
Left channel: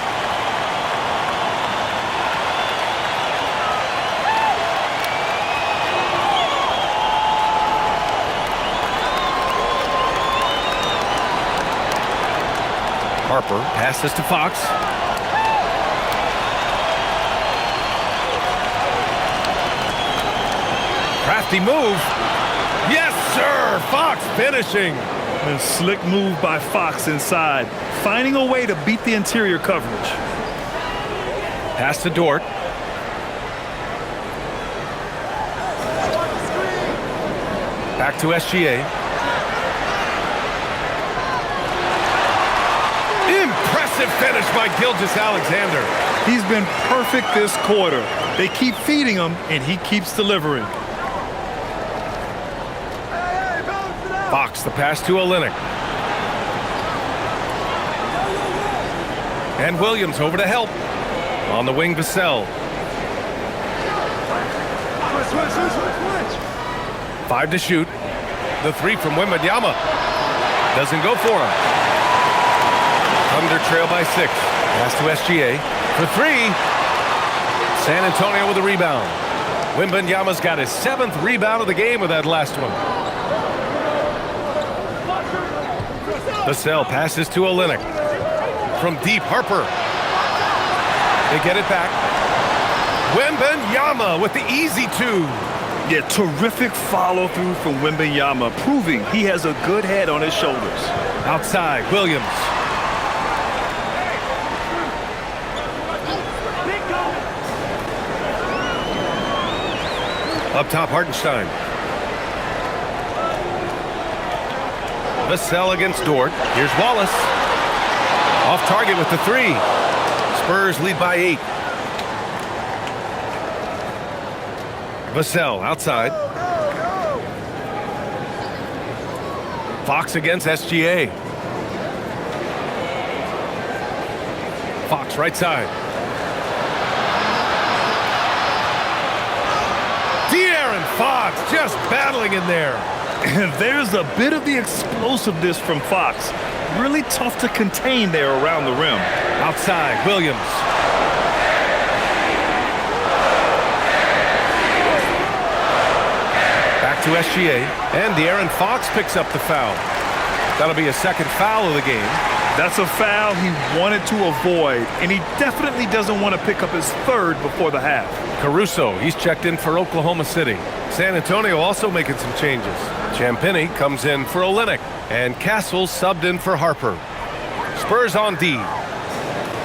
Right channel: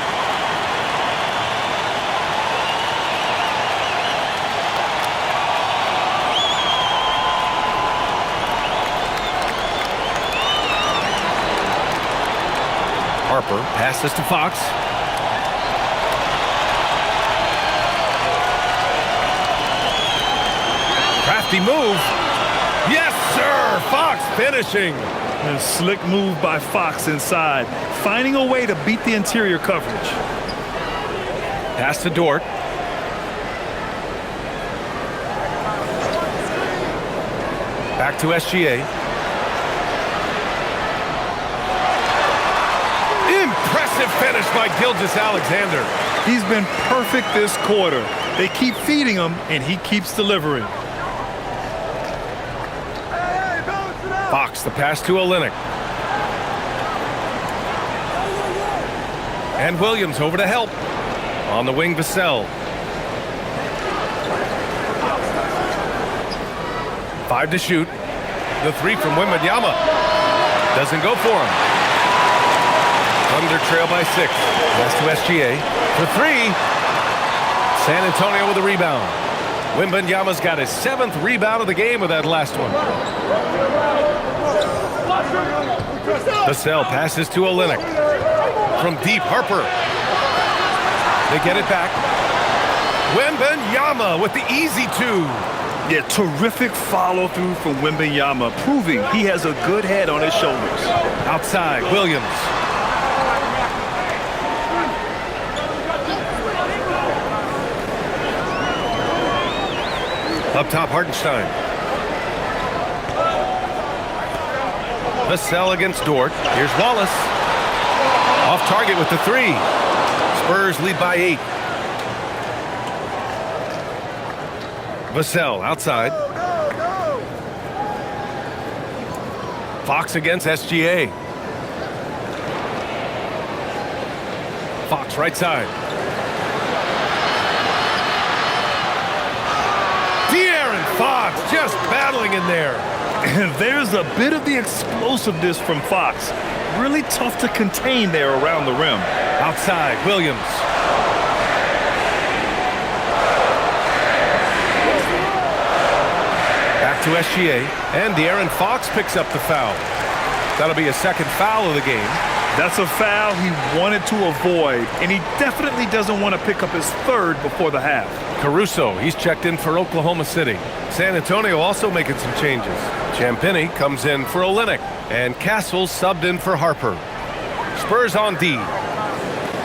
Harper passes to Fox. Crafty move. Yes, sir. Fox finishing. A slick move by Fox inside, finding a way to beat the interior coverage. Pass to Dort. Back to SGA. Impressive finish by Gilgeous-Alexander. He's been perfect this quarter. They keep feeding him, and he keeps delivering. Fox, the pass to Olynyk. And Williams over to help. On the wing, Vassell. 5 to shoot. The 3 from Wembanyama. Doesn't go for him. Thunder trail by 6. Pass to SGA. For 3. San Antonio with a rebound. Wembanyama's got his 7th rebound of the game with that last one. Vassell passes to Olynyk. From deep, Harper. They get it back. Wembanyama with the easy 2. Yeah, terrific follow-through from Wembanyama, proving he has a good head on his shoulders. Outside, Williams. Up top, Hartenstein. Vassell against Dort. Here's Wallace. Off target with the 3. Spurs lead by 8. Vassell outside. Fox against SGA. Fox right side. De'Aaron Fox just battling in there. And there's a bit of the explosiveness from Fox. Really tough to contain there around the rim. Outside, Williams. Back to SGA. And De'Aaron Fox picks up the foul. That'll be a 2nd foul of the game. That's a foul he wanted to avoid, and he definitely doesn't want to pick up his 3rd before the half. Caruso, he's checked in for Oklahoma City. San Antonio also making some changes. Champagnie comes in for Olynyk, and Castle subbed in for Harper. Spurs on D.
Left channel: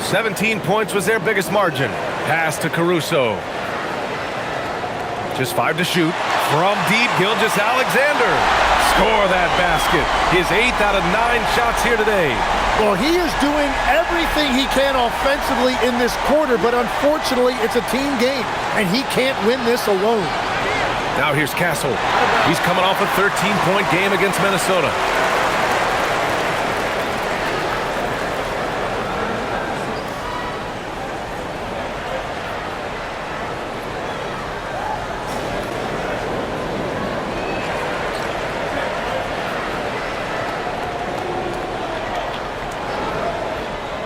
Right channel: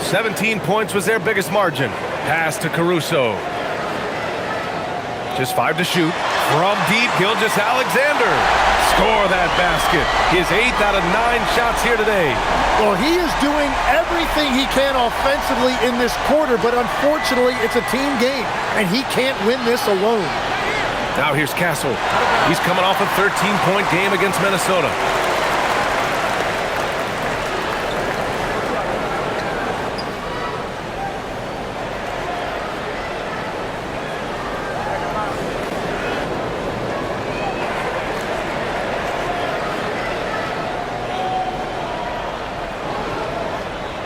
17 points was their biggest margin. Pass to Caruso. Just 5 to shoot. From deep, Gilgeous-Alexander. Score that basket. His 8th out of 9 shots here today. Well, he is doing everything he can offensively in this quarter, but unfortunately, it's a team game, and he can't win this alone. Now here's Castle. He's coming off a 13-point game against Minnesota.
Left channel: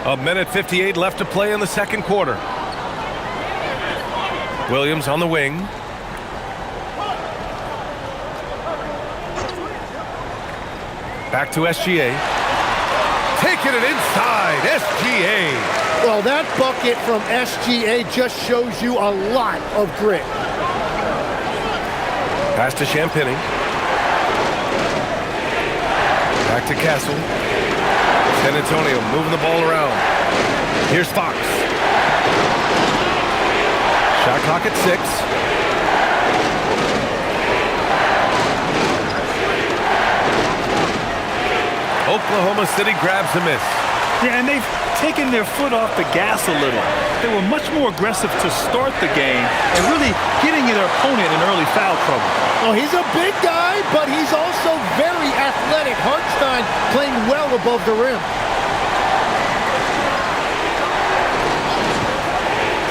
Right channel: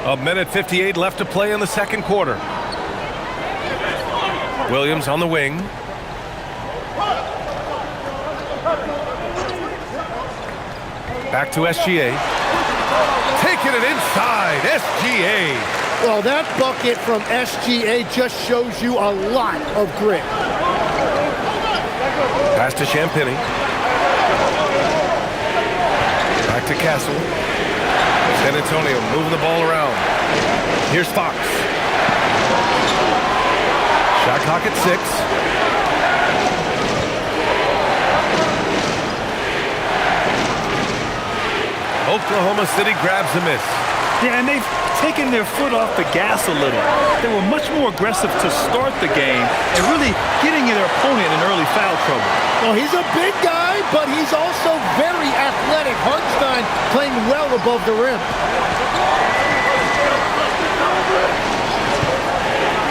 A minute 58 left to play in the 2nd quarter. Williams on the wing. Back to SGA. Taking it inside, SGA. Well, that bucket from SGA just shows you a lot of grit. Pass to Champagny. Back to Castle. San Antonio moving the ball around. Here's Fox. Shot clock at 6. Oklahoma City grabs a miss. Yeah, and they've taken their foot off the gas a little. They were much more aggressive to start the game and really getting their opponent in early foul trouble. Well, he's a big guy, but he's also very athletic. Hartenstein playing well above the rim.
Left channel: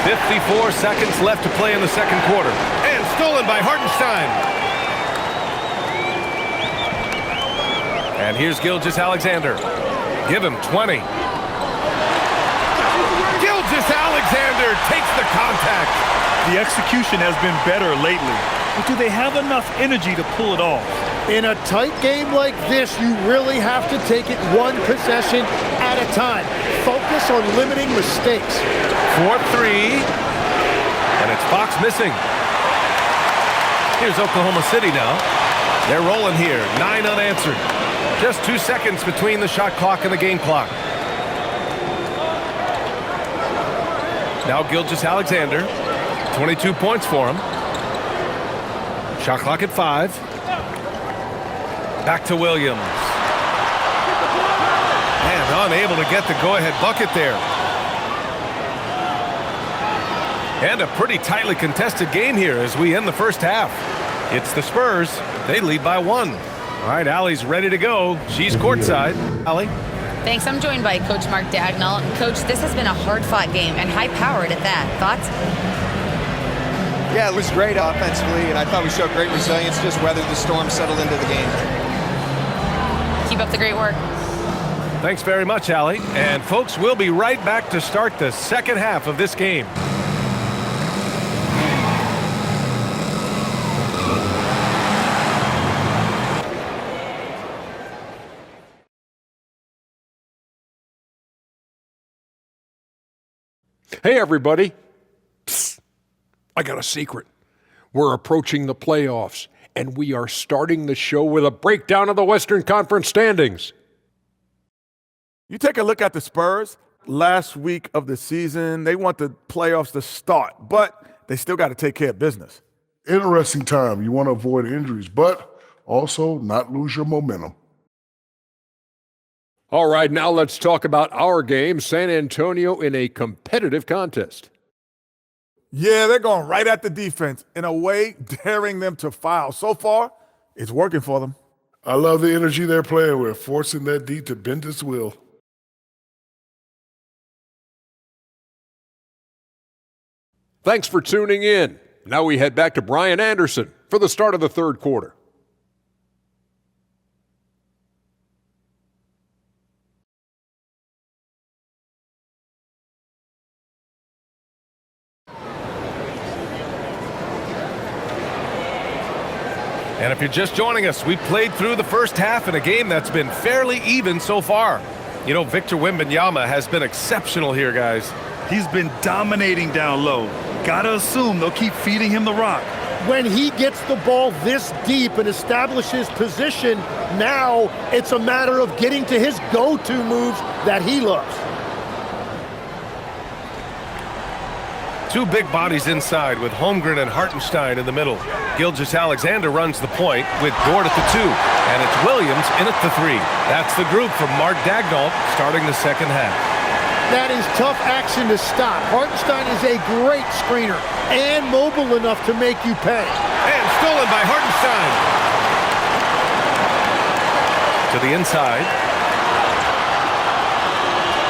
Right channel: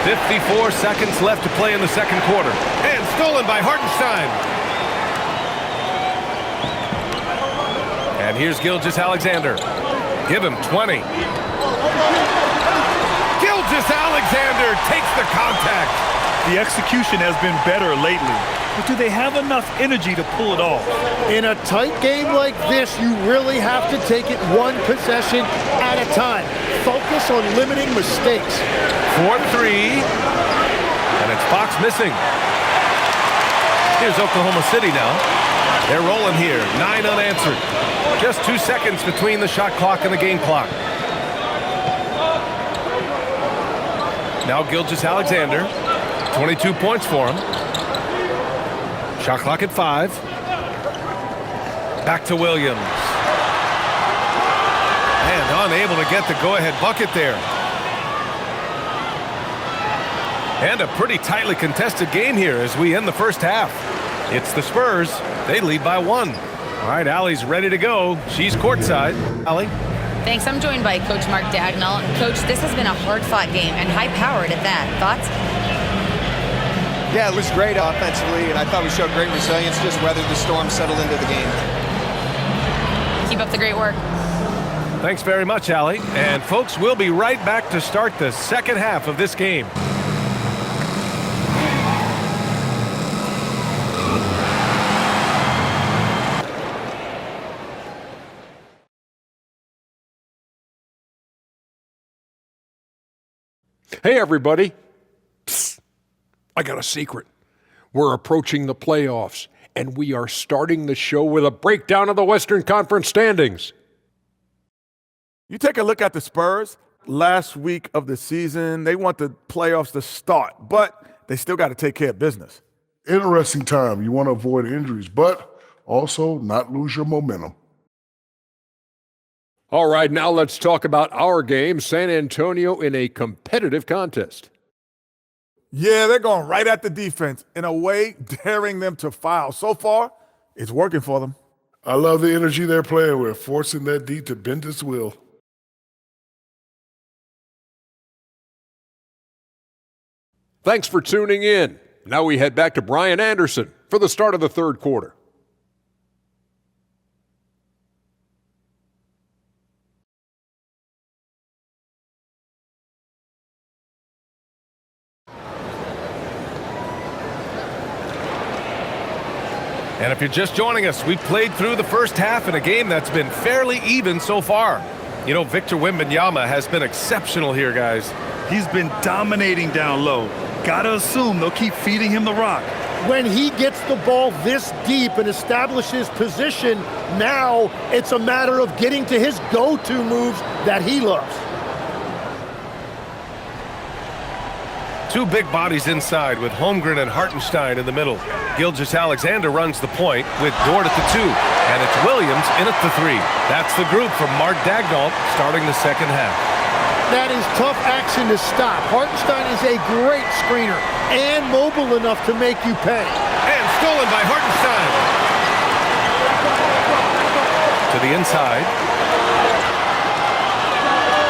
54 seconds left to play in the second quarter. And stolen by Hartenstein. And here's Gilgeous-Alexander. Give him 20. Gilgeous-Alexander takes the contact. The execution has been better lately, but do they have enough energy to pull it off? In a tight game like this, you really have to take it one possession at a time. Focus on limiting mistakes. 4-3. And it's Fox missing. Here's Oklahoma City now. They're rolling here. 9 unanswered. Just 2 seconds between the shot clock and the game clock. Now Gilgeous-Alexander. 22 points for him. Shot clock at 5. Back to Williams. And unable to get the go-ahead bucket there. And a pretty tightly contested game here as we end the first half. It's the Spurs. They lead by 1. All right, Allie's ready to go. She's courtside. Allie? Thanks. I'm joined by Coach Mark Dagnall. And, Coach, this has been a hard-fought game and high-powered at that. Thoughts? Yeah, it was great offensively, and I thought we showed great resilience, just weathered the storm, settled into the game. Keep up the great work. Thanks very much, Allie. And, folks, we'll be right back to start the second half of this game. Hey, everybody. Psst. I got a secret. We're approaching the playoffs, and we are starting the show with a breakdown of the Western Conference standings. You take a look at the Spurs last week of the season. They want the playoffs to start, but they still got to take care of business. Interesting time. You want to avoid injuries, but also not lose your momentum. All right, now let's talk about our game, San Antonio in a competitive contest. Yeah, they're going right at the defense, in a way daring them to foul. So far, it's working for them. I love the energy they're playing with, forcing that D to bend its will. Thanks for tuning in. Now we head back to Brian Anderson for the start of the third quarter. And if you're just joining us, we played through the first half in a game that's been fairly even so far. You know, Victor Wembanyama has been exceptional here, guys. He's been dominating down low. Gotta assume they'll keep feeding him the rock. When he gets the ball this deep and establishes position, now it's a matter of getting to his go-to moves that he loves. 2 big bodies inside with Holmgren and Hartenstein in the middle. Gilgeous-Alexander runs the point with Dort at the 2. And it's Williams in at the 3. That's the group from Mark Dagnall starting the second half. That is tough action to stop. Hartenstein is a great screener and mobile enough to make you pay. And stolen by Hartenstein. To the inside.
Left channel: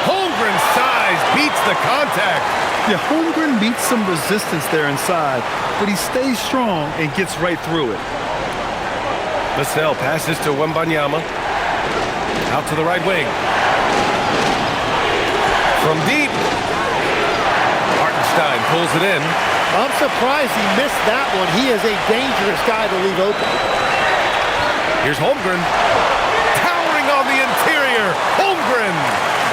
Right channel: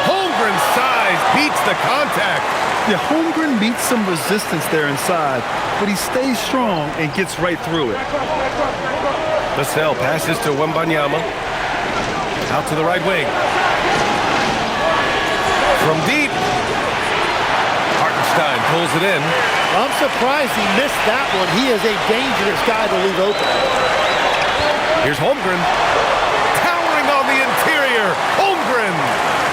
Holmgren's size beats the contact. Yeah, Holmgren meets some resistance there inside, but he stays strong and gets right through it. Vassell passes to Wembanyama. Out to the right wing. From deep. Hartenstein pulls it in. I'm surprised he missed that one. He is a dangerous guy to leave open. Here's Holmgren. Towering interior. Holmgren.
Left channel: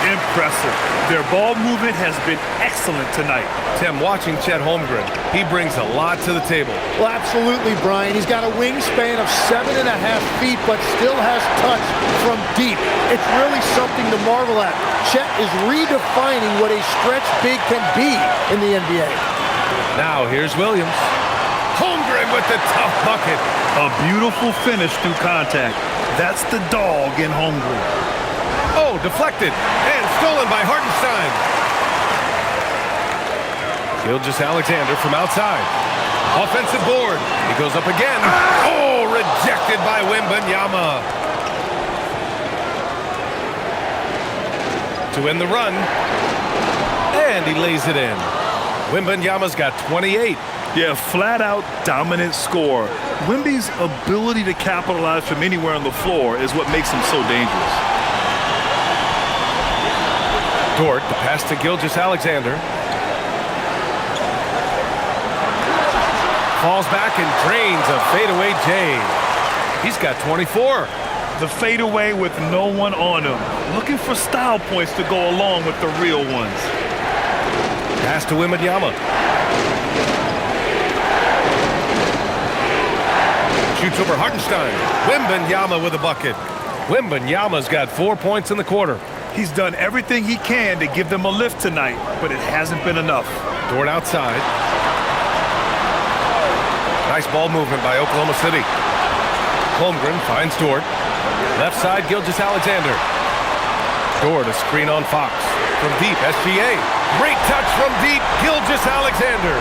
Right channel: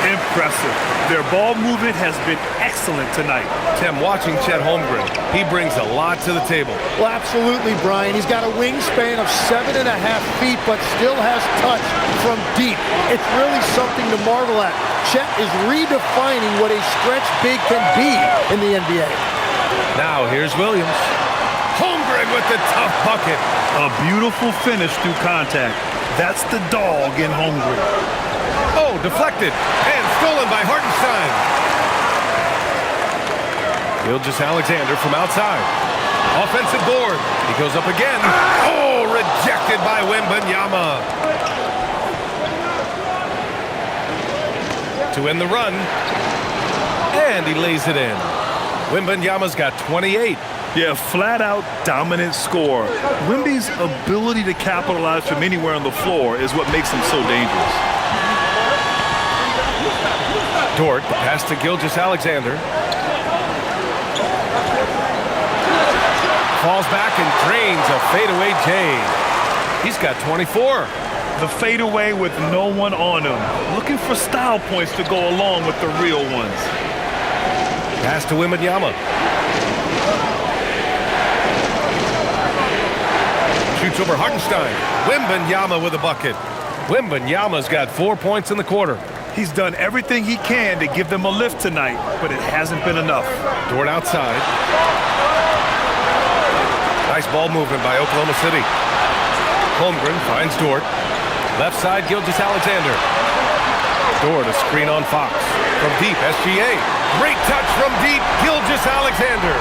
Impressive. Their ball movement has been excellent tonight. Tim, watching Chet Holmgren, he brings a lot to the table. Well, absolutely, Brian. He's got a wingspan of 7.5 feet, but still has touch from deep. It's really something to marvel at. Chet is redefining what a stretch big can be in the NBA. Now here's Williams. Holmgren with the tough bucket. A beautiful finish through contact. That's the dog in Holmgren. Oh, deflected and stolen by Hartenstein. Gilgeous-Alexander from outside. Offensive board. He goes up again. Oh, rejected by Wembanyama. To end the run. And he lays it in. Wembanyama's got 28. Yeah, flat-out dominant score. Wemby's ability to capitalize from anywhere on the floor is what makes him so dangerous. Dort, the pass to Gilgeous-Alexander. Falls back and drains a fadeaway J. He's got 24. The fadeaway with no one on him. Looking for style points to go along with the real ones. Pass to Wembanyama. Shoots over Hartenstein. Wembanyama with a bucket. Wembanyama's got 4 points in the quarter. He's done everything he can to give them a lift tonight, but it hasn't been enough. Dort outside. Nice ball movement by Oklahoma City. Holmgren finds Dort. Left side, Gilgeous-Alexander. Dort, a screen on Fox. From deep, SGA. Great touch from deep, Gilgeous-Alexander.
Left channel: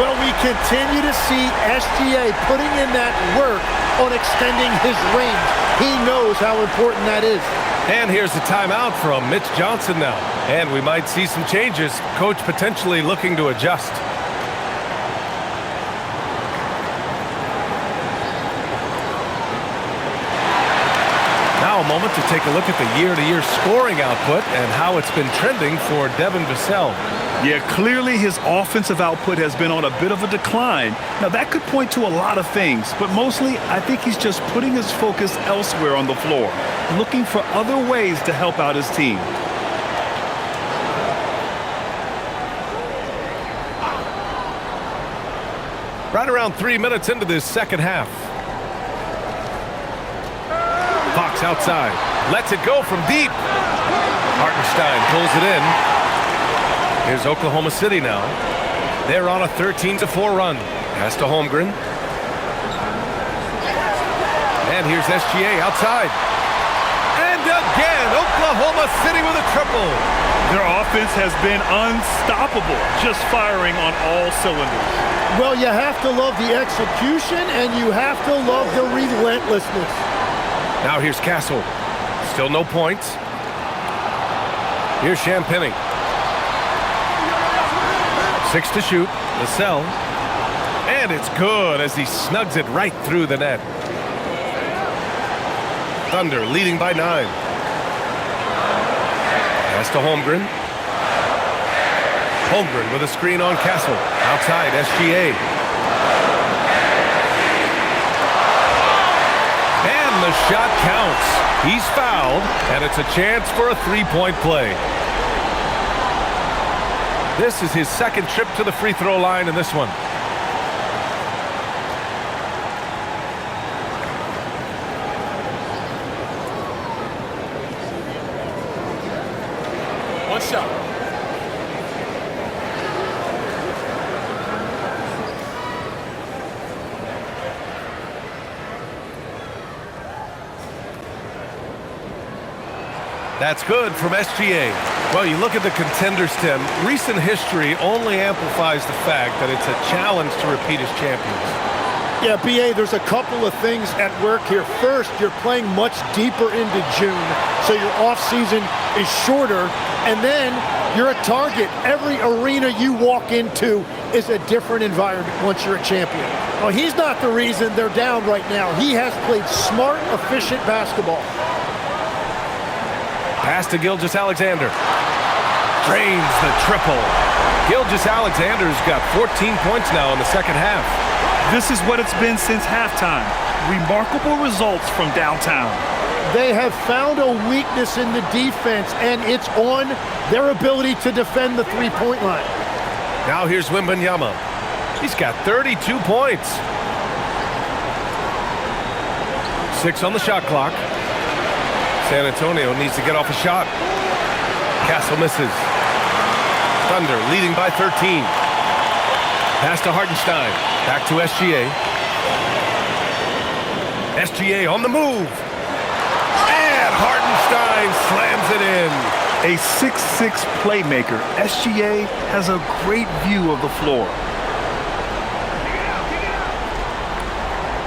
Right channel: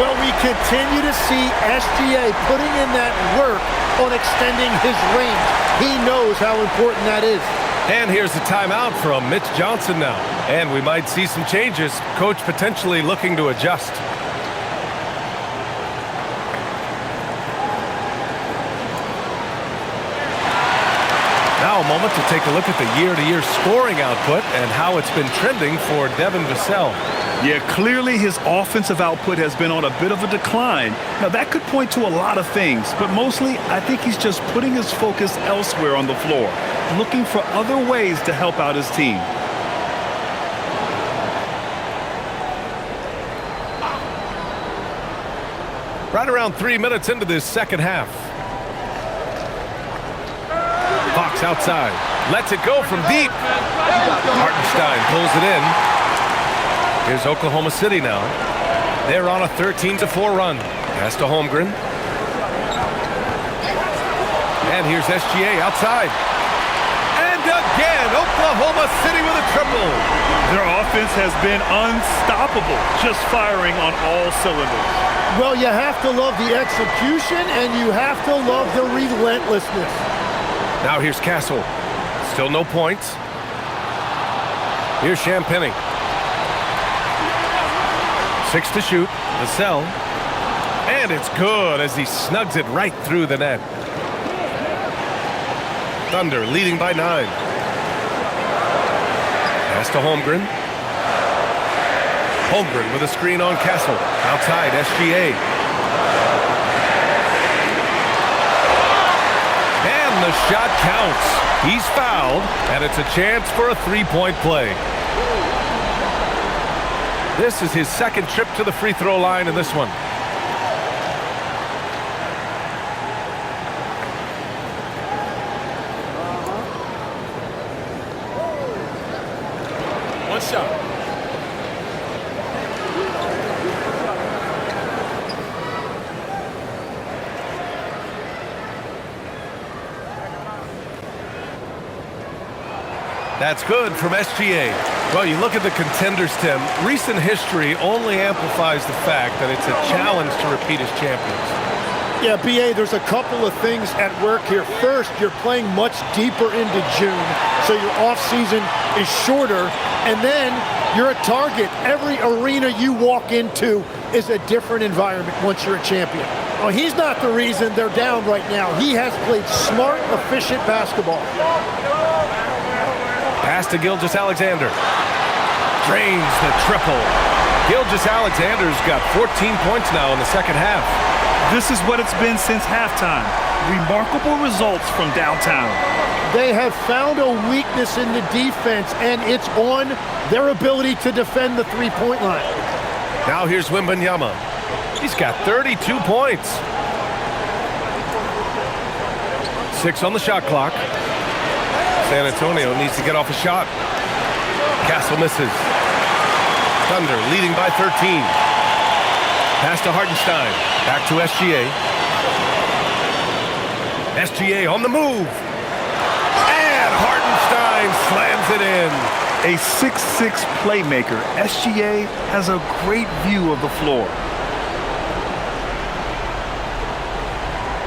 Well, we continue to see SGA putting in that work on extending his range. He knows how important that is. And here's the timeout from Mitch Johnson now. And we might see some changes. Coach potentially looking to adjust. Now a moment to take a look at the year-to-year scoring output and how it's been trending for Devin Vassell. Yeah, clearly his offensive output has been on a bit of a decline. Now, that could point to a lot of things, but mostly I think he's just putting his focus elsewhere on the floor, looking for other ways to help out his team. Right around 3 minutes into this second half. Fox outside. Lets it go from deep. Hartenstein pulls it in. Here's Oklahoma City now. They're on a 13-4 run. Pass to Holmgren. And here's SGA outside. And again, Oklahoma City with a triple. Their offense has been unstoppable, just firing on all cylinders. Well, you have to love the execution, and you have to love the relentlessness. Now here's Castle. Still no points. Here's Champagnie. 6 to shoot. Vassell. And it's good as he snugs it right through the net. Thunder leading by 9. Pass to Holmgren. Holmgren with a screen on Castle. Outside, SGA. And the shot counts. He's fouled, and it's a chance for a three-point play. This is his second trip to the free throw line in this one. One shot. That's good from SGA. Well, you look at the contenders, Tim. Recent history only amplifies the fact that it's a challenge to repeat as champions. Yeah, B.A., there's a couple of things at work here. First, you're playing much deeper into June, so your offseason is shorter. And then you're a target. Every arena you walk into is a different environment once you're a champion. Well, he's not the reason they're down right now. He has played smart, efficient basketball. Pass to Gilgeous-Alexander. Drains the triple. Gilgeous-Alexander's got 14 points now in the second half. This is what it's been since halftime. Remarkable results from downtown. They have found a weakness in the defense, and it's on their ability to defend the three-point line. Now here's Wembanyama. He's got 32 points. 6 on the shot clock. San Antonio needs to get off a shot. Castle misses. Thunder leading by 13. Pass to Hartenstein. Back to SGA. SGA on the move. And Hartenstein slams it in. A 6'6" playmaker, SGA has a great view of the floor.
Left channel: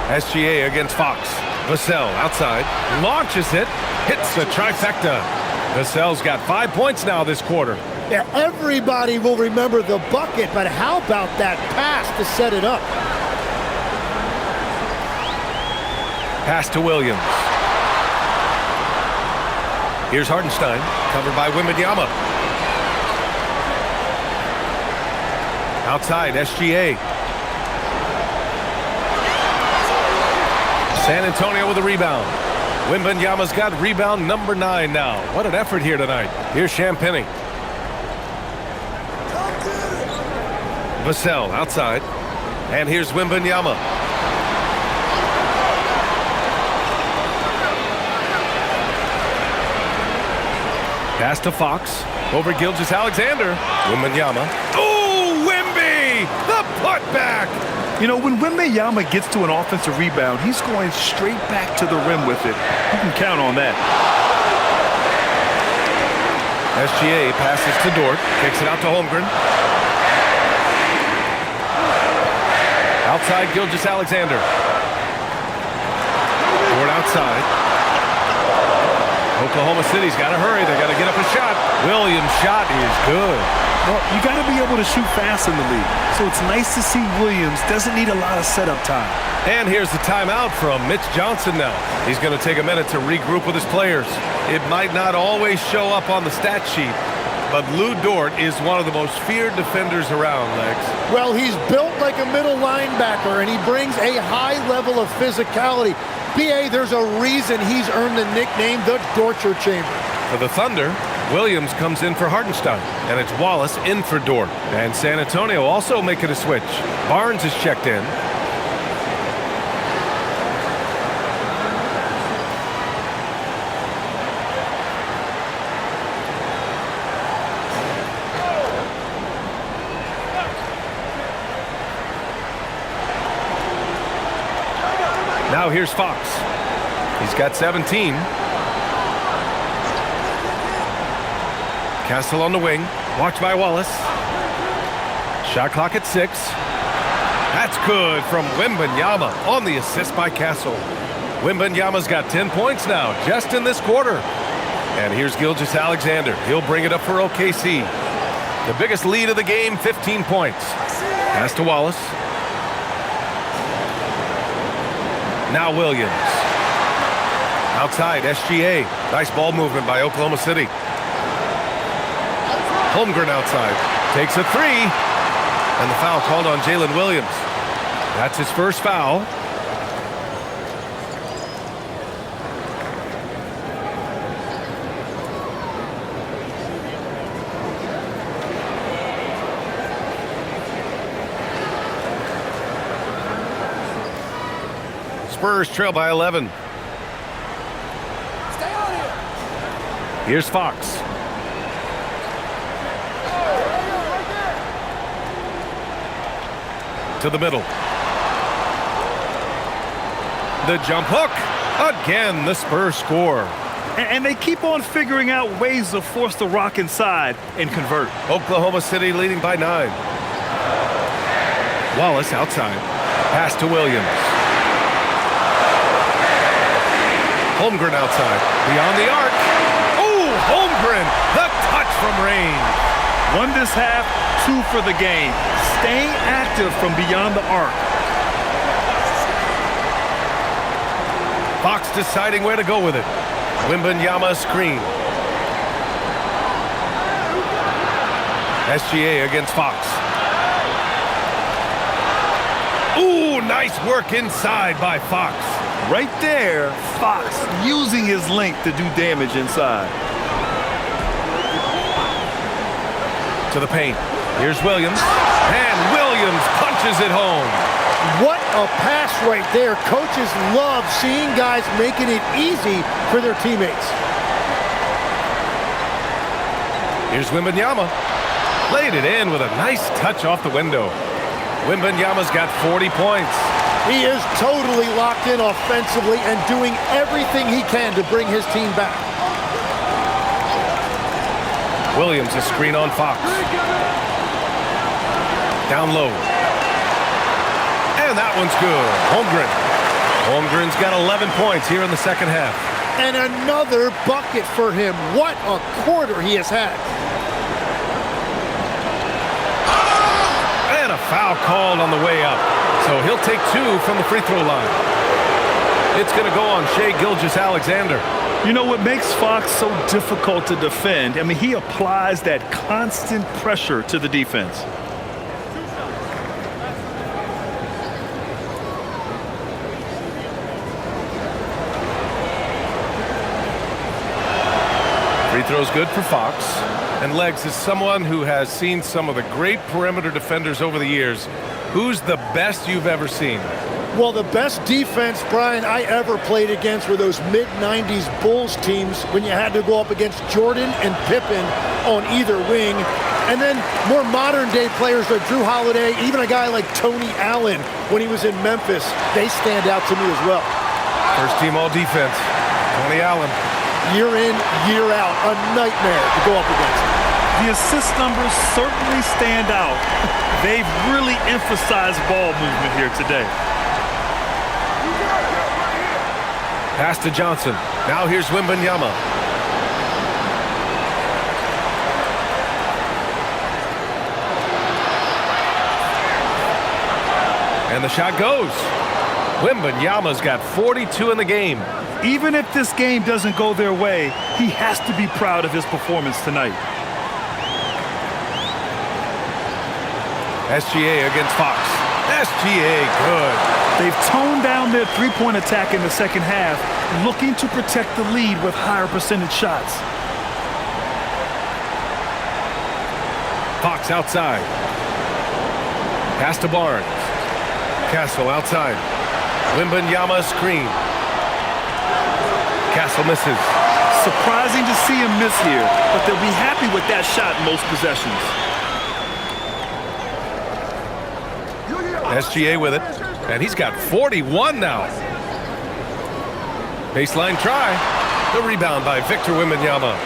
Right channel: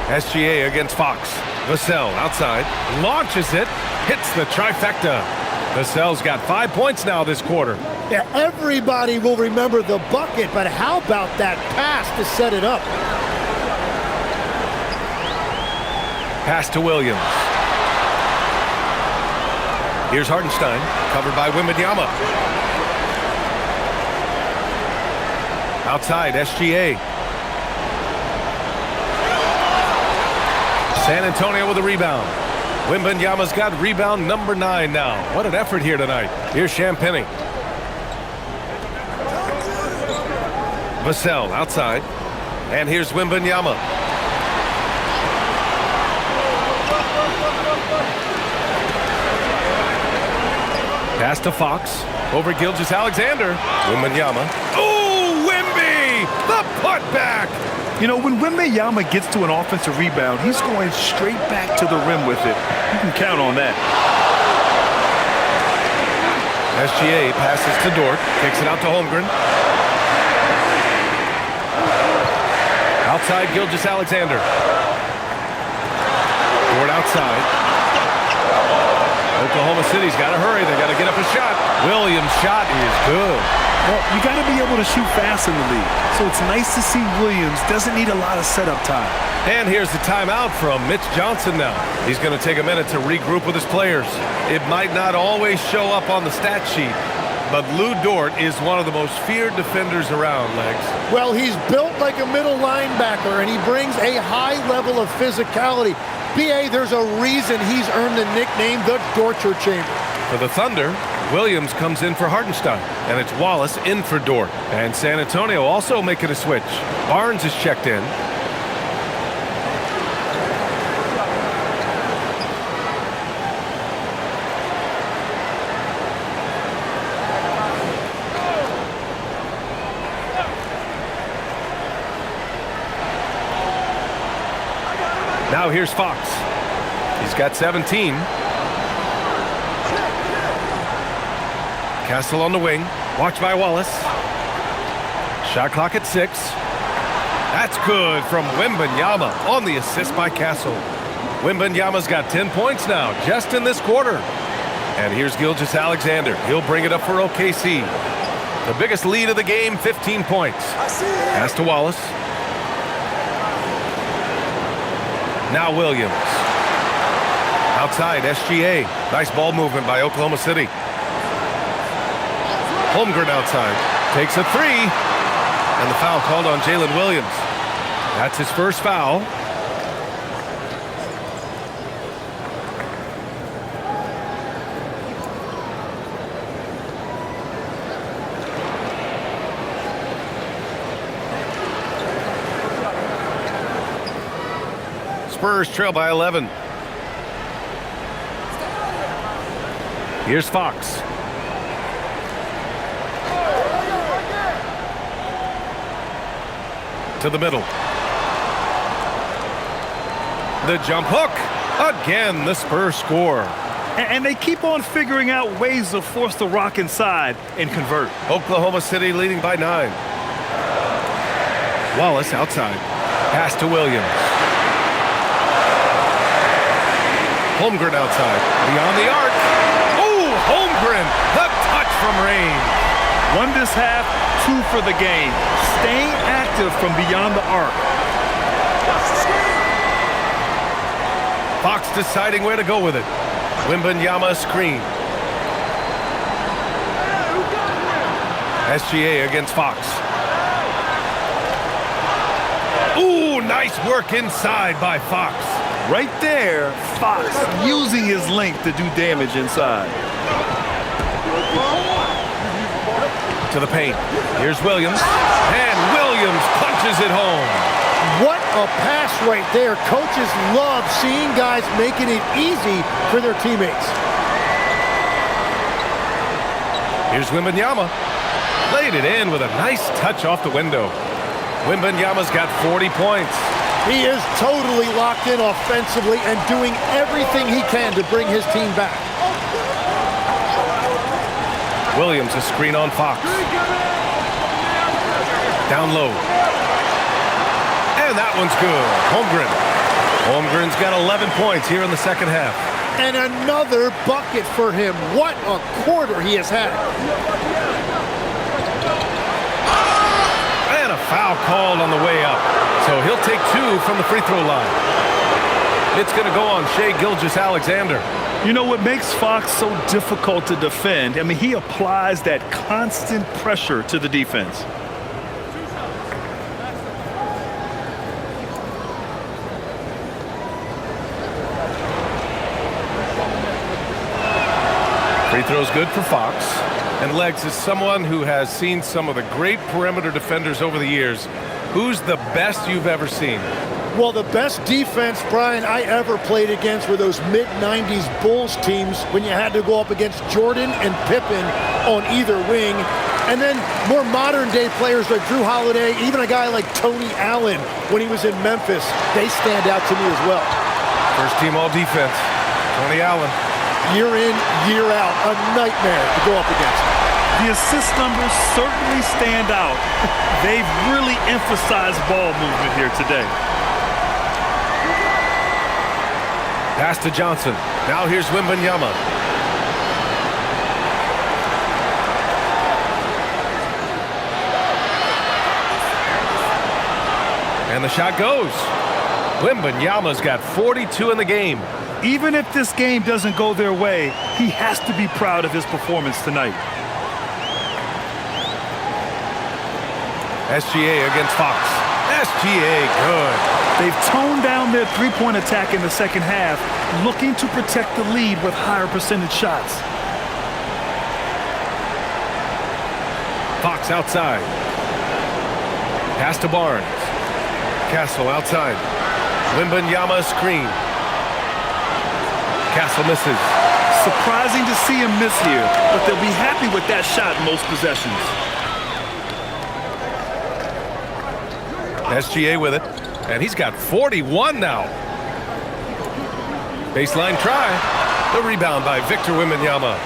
SGA against Fox. Vassell outside. Launches it. Hits the trifecta. Vassell's got 5 points now this quarter. Yeah, everybody will remember the bucket, but how about that pass to set it up? Pass to Williams. Here's Hartenstein, covered by Wembanyama. Outside, SGA. San Antonio with a rebound. Wembanyama's got rebound number 9 now. What an effort here tonight. Here's Champagnie. Vassell outside. And here's Wembanyama. Pass to Fox. Over Gilgeous-Alexander. Wembanyama. Oh, Wemby! The putback! You know, when Wembanyama gets to an offensive rebound, he's going straight back to the rim with it. You can count on that. SGA passes to Dort. Kicks it out to Holmgren. Outside, Gilgeous-Alexander. Dort outside. Oklahoma City's got to hurry. They got to get up a shot. Williams' shot is good. Well, you got to be able to shoot fast in the league. So it's nice to see Williams doesn't need a lot of setup time. And here's the timeout from Mitch Johnson now. He's going to take a minute to regroup with his players. It might not always show up on the stat sheet, but Lou Dort is one of the most feared defenders around, Legs. Well, he's built like a middle linebacker, and he brings a high level of physicality. B.A., there's a reason he's earned the nickname the Dorture Chamber. For the Thunder, Williams comes in for Hartenstein, and it's Wallace in for Dort. And San Antonio also making a switch. Barnes is checked in. Now here's Fox. He's got 17. Castle on the wing. Watched by Wallace. Shot clock at 6. That's good from Wembanyama on the assist by Castle. Wembanyama's got 10 points now just in this quarter. And here's Gilgeous-Alexander. He'll bring it up for OKC. The biggest lead of the game, 15 points. Pass to Wallace. Now Williams. Outside, SGA. Nice ball movement by Oklahoma City. Holmgren outside. Takes a 3. And the foul called on Jalen Williams. That's his first foul. Spurs trail by 11. Stay on here. Here's Fox. To the middle. The jump hook. Again, the Spurs score. And they keep on figuring out ways to force the rock inside and convert. Oklahoma City leading by 9. Wallace outside. Pass to Williams. Holmgren outside. Beyond the arc. Oh, Holmgren. The touch from range. 1 this half, 2 for the game. Staying active from beyond the arc. Fox deciding where to go with it. Wembanyama screen. SGA against Fox. Ooh, nice work inside by Fox. Right there, Fox using his length to do damage inside. To the paint. Here's Williams. And Williams punches it home. What a pass right there. Coaches love seeing guys making it easy for their teammates. Here's Wembanyama. Laid it in with a nice touch off the window. Wembanyama's got 40 points. He is totally locked in offensively and doing everything he can to bring his team back. Williams, a screen on Fox. Down low. And that one's good. Holmgren. Holmgren's got 11 points here in the second half. And another bucket for him. What a quarter he has had. And a foul called on the way up. So he'll take 2 from the free throw line. It's going to go on Shai Gilgeous-Alexander. You know what makes Fox so difficult to defend? I mean, he applies that constant pressure to the defense. Free throw's good for Fox. And Legs is someone who has seen some of the great perimeter defenders over the years. Who's the best you've ever seen? Well, the best defense, Brian, I ever played against were those mid-90s Bulls teams when you had to go up against Jordan and Pippen on either wing. And then more modern-day players like Drew Holiday, even a guy like Tony Allen when he was in Memphis, they stand out to me as well. First team all-defense, Tony Allen. Year in, year out, a nightmare to go up against. The assist numbers certainly stand out. They've really emphasized ball movement here today. Pass to Johnson. Now here's Wembanyama. And the shot goes. Wembanyama's got 42 in the game. Even if this game doesn't go their way, he has to be proud of his performance tonight. SGA against Fox. SGA good. They've toned down their three-point attack in the second half, looking to protect the lead with higher percentage shots. Fox outside. Pass to Barnes. Castle outside. Wembanyama screen. Castle misses. Surprising to see him miss here, but they'll be happy with that shot most possessions. SGA with it, and he's got 41 now. Baseline try. The rebound by Victor Wembanyama.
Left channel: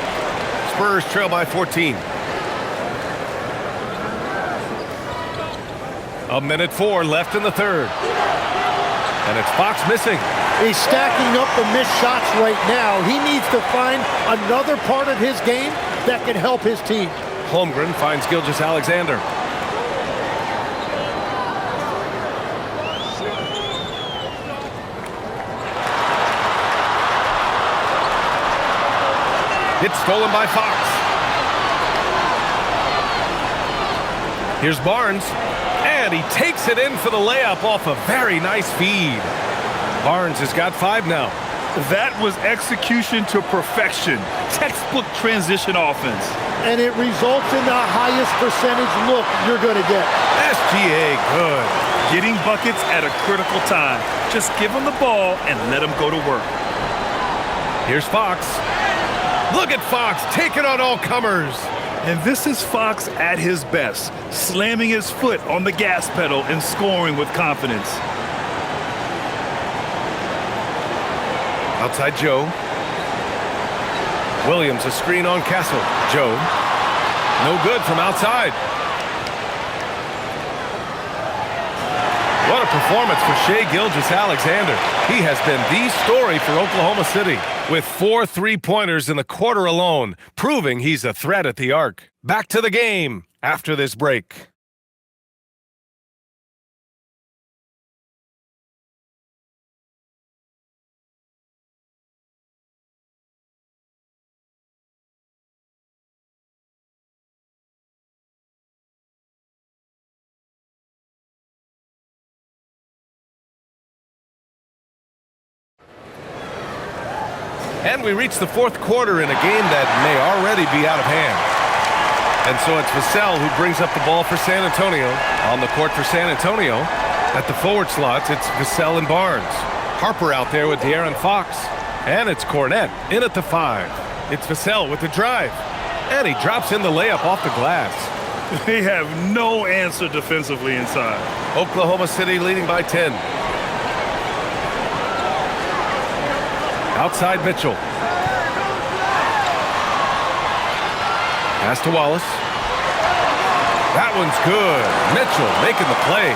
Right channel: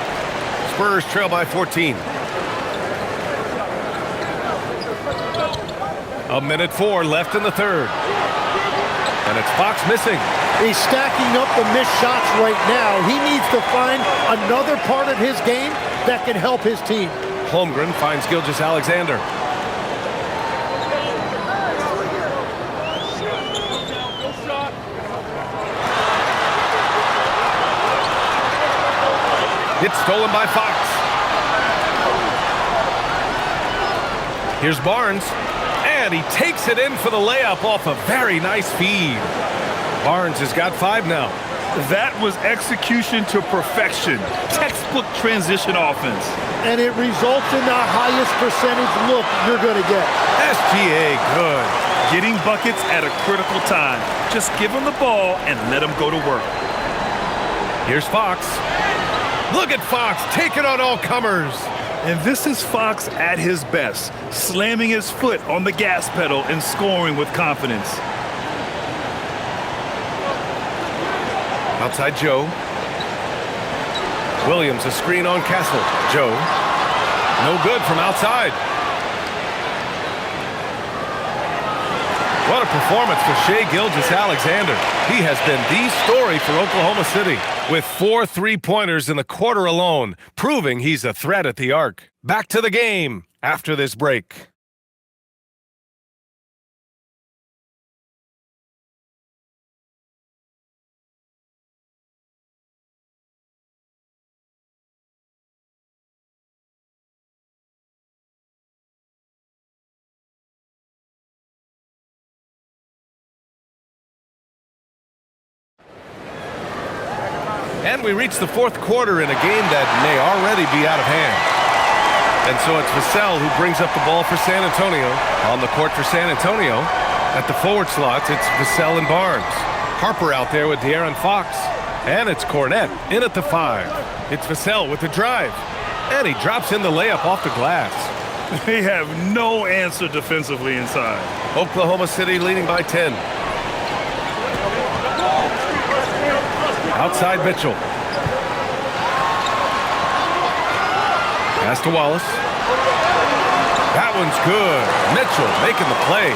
Spurs trail by 14. A minute 4 left in the third. And it's Fox missing. He's stacking up the missed shots right now. He needs to find another part of his game that can help his team. Holmgren finds Gilgeous-Alexander. It's stolen by Fox. Here's Barnes. And he takes it in for the layup off a very nice feed. Barnes has got 5 now. That was execution to perfection. Textbook transition offense. And it results in the highest percentage look you're going to get. SGA good. Getting buckets at a critical time. Just give him the ball and let him go to work. Here's Fox. Look at Fox taking on all comers. And this is Fox at his best, slamming his foot on the gas pedal and scoring with confidence. Outside Joe. Williams a screen on Castle. Joe. No good from outside. What a performance for Shai Gilgeous-Alexander. He has been the story for Oklahoma City, with 4 3-pointers in the quarter alone, proving he's a threat at the arc. Back to the game after this break. And we reach the fourth quarter in a game that may already be out of hand. And so it's Vassell who brings up the ball for San Antonio. On the court for San Antonio, at the forward slots, it's Vassell and Barnes. Harper out there with De'Aaron Fox. And it's Cornette in at the 5. It's Vassell with the drive. And he drops in the layup off the glass. They have no answer defensively inside. Oklahoma City leading by 10. Outside Mitchell. Pass to Wallace. That one's good. Mitchell making the play.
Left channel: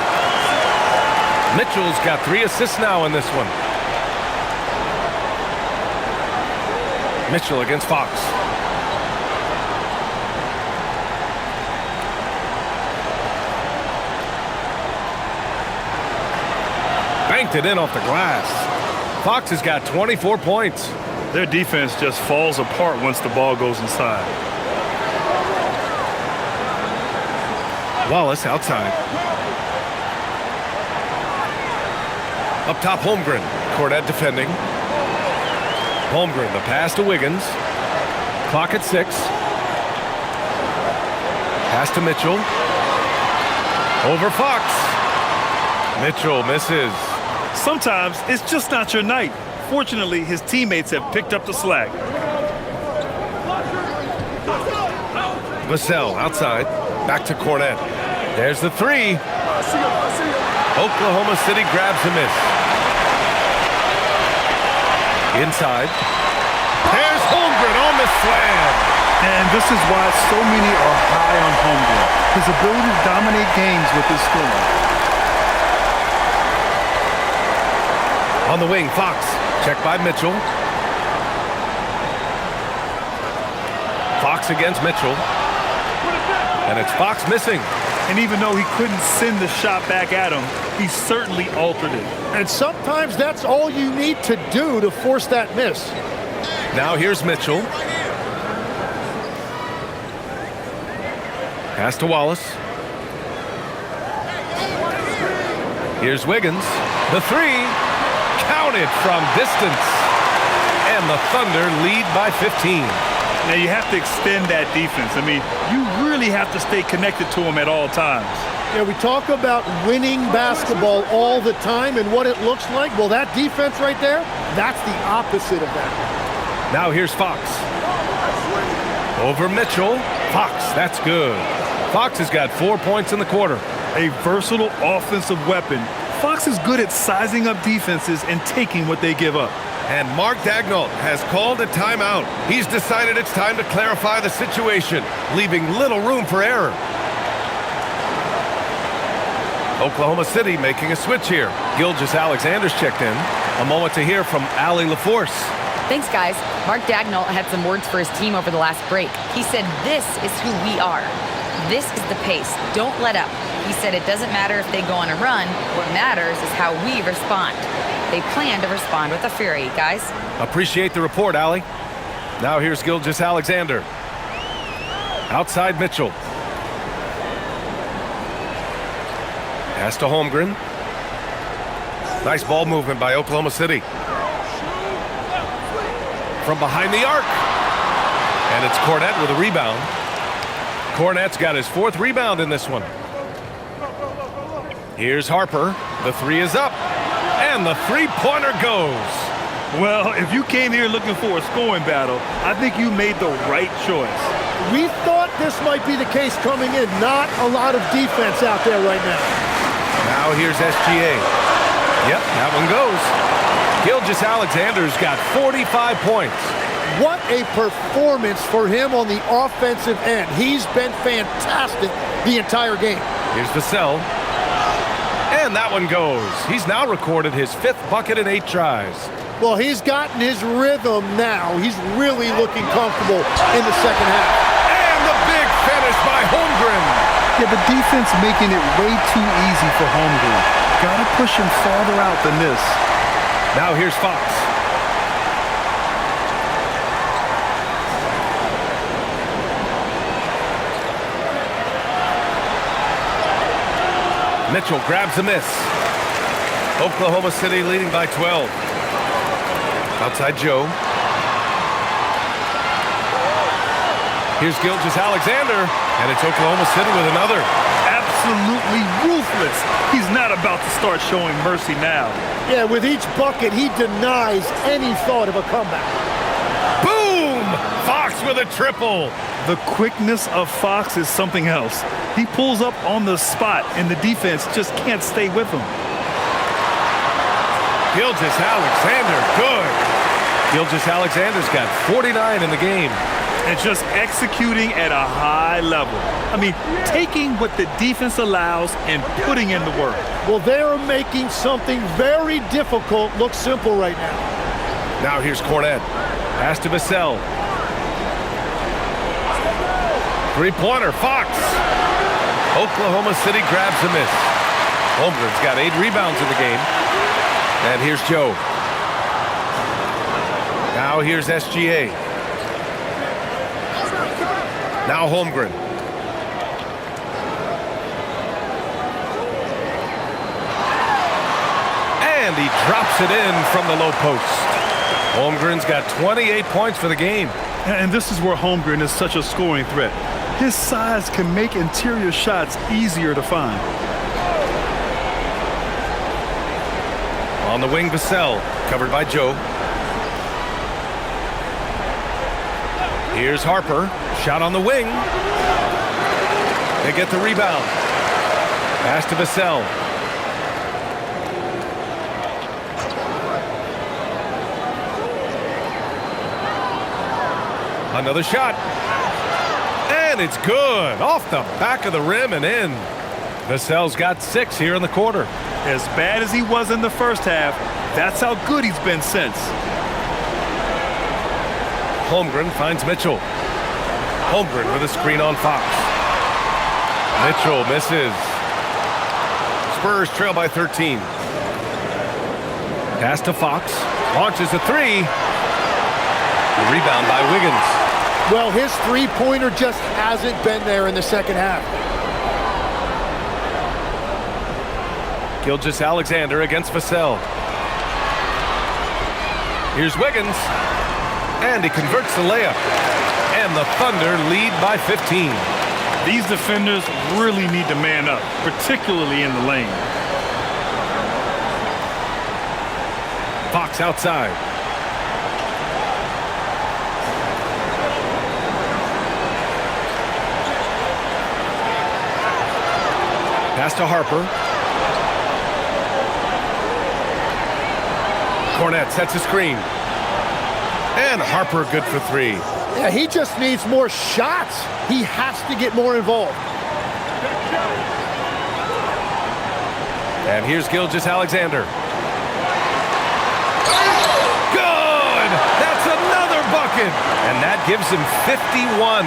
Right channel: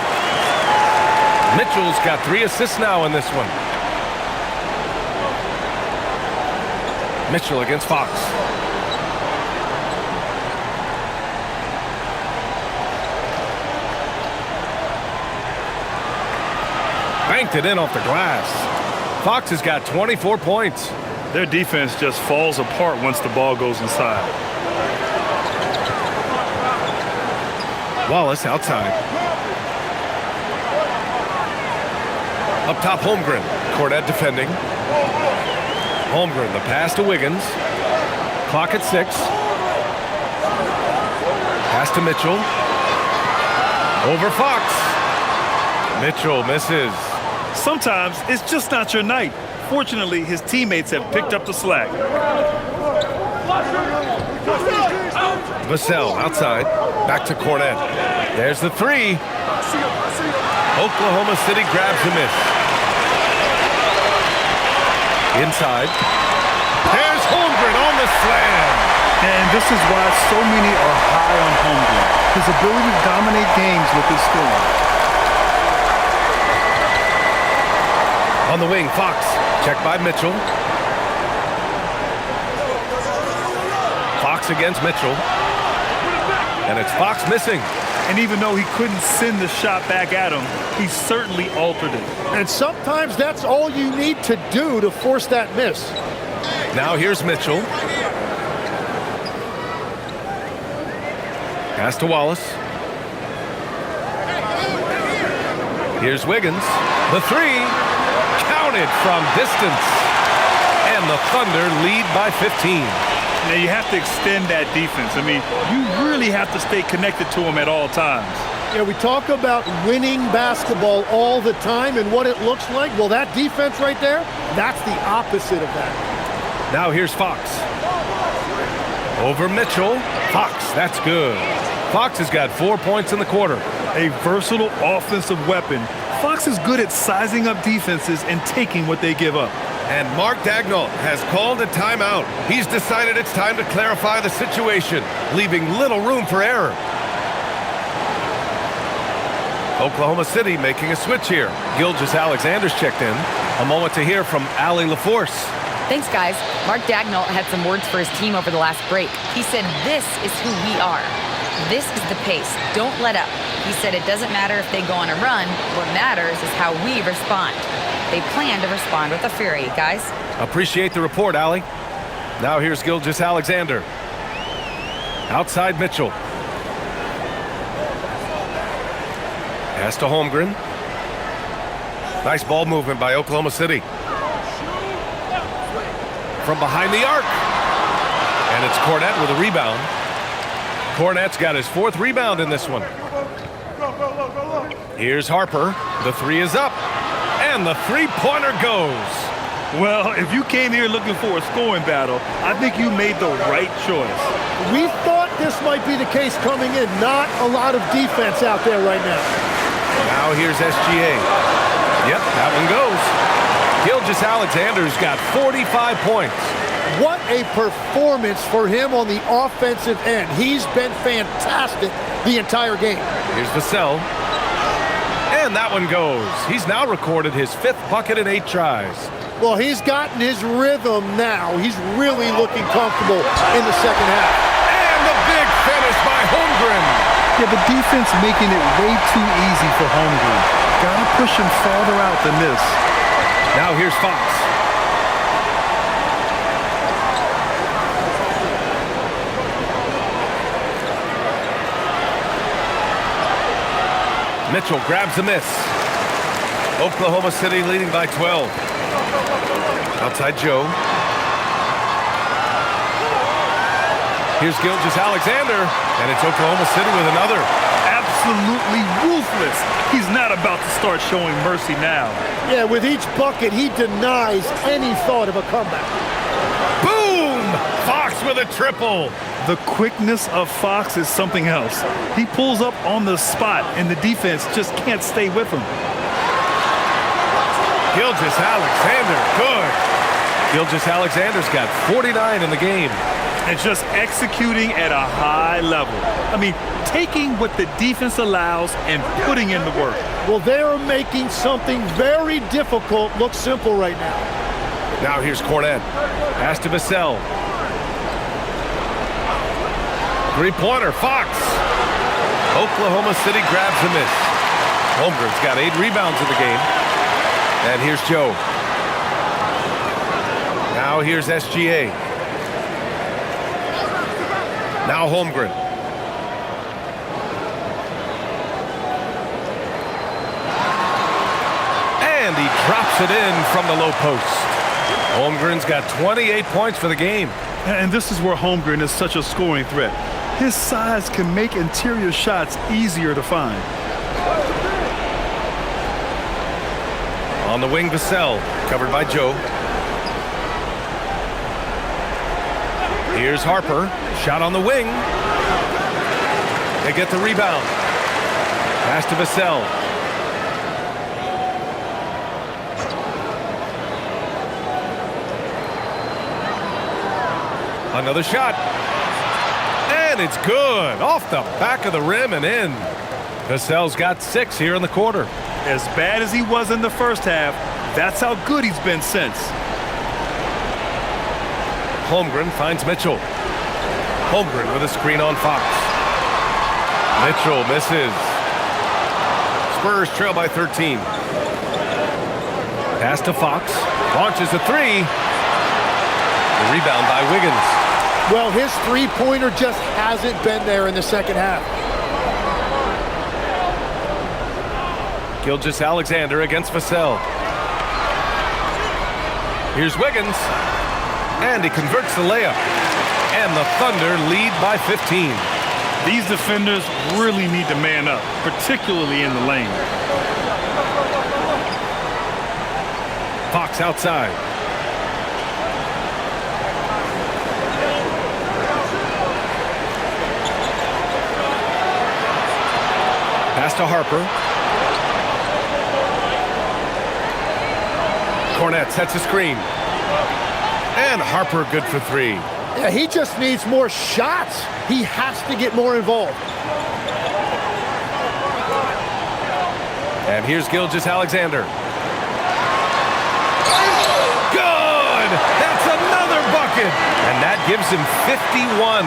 Mitchell's got 3 assists now in this one. Mitchell against Fox. Banked it in off the glass. Fox has got 24 points. Their defense just falls apart once the ball goes inside. Wallace outside. Up top, Holmgren. Cornette defending. Holmgren, the pass to Wiggins. Clock at 6. Pass to Mitchell. Over Fox. Mitchell misses. Sometimes it's just not your night. Fortunately, his teammates have picked up the slack. Vassell outside. Back to Cornette. There's the 3. Oklahoma City grabs a miss. Inside. There's Holmgren on the slam. And this is why so many are high on Holmgren. His ability to dominate games with his scoring. On the wing, Fox. Checked by Mitchell. Fox against Mitchell. And it's Fox missing. And even though he couldn't send the shot back at him, he certainly altered it. And sometimes that's all you need to do to force that miss. Now here's Mitchell. Pass to Wallace. Here's Wiggins. The 3. Counted from distance. And the Thunder lead by 15. Now you have to extend that defense. I mean, you really have to stay connected to him at all times. Yeah, we talk about winning basketball all the time and what it looks like. Well, that defense right there, that's the opposite of that. Now here's Fox. Over Mitchell. Fox, that's good. Fox has got 4 points in the quarter. A versatile offensive weapon. Fox is good at sizing up defenses and taking what they give up. And Mark Daigneault has called a timeout. He's decided it's time to clarify the situation, leaving little room for error. Oklahoma City making a switch here. Gilgeous-Alexander's checked in. A moment to hear from Allie LaForce. Thanks, guys. Mark Daigneault had some words for his team over the last break. He said, "This is who we are. This is the pace. Don't let up." He said it doesn't matter if they go on a run. What matters is how we respond. They plan to respond with a fury, guys. Appreciate the report, Allie. Now here's Gilgeous-Alexander. Outside Mitchell. Pass to Holmgren. Nice ball movement by Oklahoma City. From behind the arc. And it's Cornette with a rebound. Cornette's got his 4th rebound in this one. Here's Harper. The 3 is up. And the 3-pointer goes. Well, if you came here looking for a scoring battle, I think you made the right choice. We thought this might be the case coming in. Not a lot of defense out there right now. Now here's SGA. Yep, that one goes. Gilgeous-Alexander's got 45 points. What a performance for him on the offensive end. He's been fantastic the entire game. Here's Vassell. And that one goes. He's now recorded his 5th bucket in 8 tries. Well, he's gotten his rhythm now. He's really looking comfortable in the second half. And the big finish by Holmgren. Yeah, the defense making it way too easy for Holmgren. Gotta push him farther out than this. Now here's Fox. Mitchell grabs a miss. Oklahoma City leading by 12. Outside Joe. Here's Gilgeous-Alexander, and it's Oklahoma City with another. Absolutely ruthless. He's not about to start showing mercy now. Yeah, with each bucket, he denies any thought of a comeback. Boom! Fox with a triple. The quickness of Fox is something else. He pulls up on the spot, and the defense just can't stay with him. Gilgeous-Alexander, good. Gilgeous-Alexander's got 49 in the game. And just executing at a high level. I mean, taking what the defense allows and putting in the work. Well, they're making something very difficult look simple right now. Now here's Cornet. Pass to Vassell. Three-pointer, Fox. Oklahoma City grabs a miss. Holmgren's got 8 rebounds in the game. And here's Joe. Now here's SGA. Now Holmgren. And he drops it in from the low post. Holmgren's got 28 points for the game. And this is where Holmgren is such a scoring threat. His size can make interior shots easier to find. On the wing, Vassell, covered by Joe. Here's Harper, shot on the wing. They get the rebound. Pass to Vassell. Another shot. And it's good. Off the back of the rim and in. Vassell's got 6 here in the quarter. As bad as he was in the first half, that's how good he's been since. Holmgren finds Mitchell. Holmgren with a screen on Fox. Mitchell misses. Spurs trail by 13. Pass to Fox. Launches a 3. The rebound by Wiggins. Well, his three-pointer just hasn't been there in the second half. Gilgeous-Alexander against Vassell. Here's Wiggins. And he converts the layup. And the Thunder lead by 15. These defenders really need to man up, particularly in the lane. Fox outside. Pass to Harper. Cornet sets a screen. And Harper good for 3. Yeah, he just needs more shots. He has to get more involved. And here's Gilgeous-Alexander. Good! That's another bucket! And that gives him 51.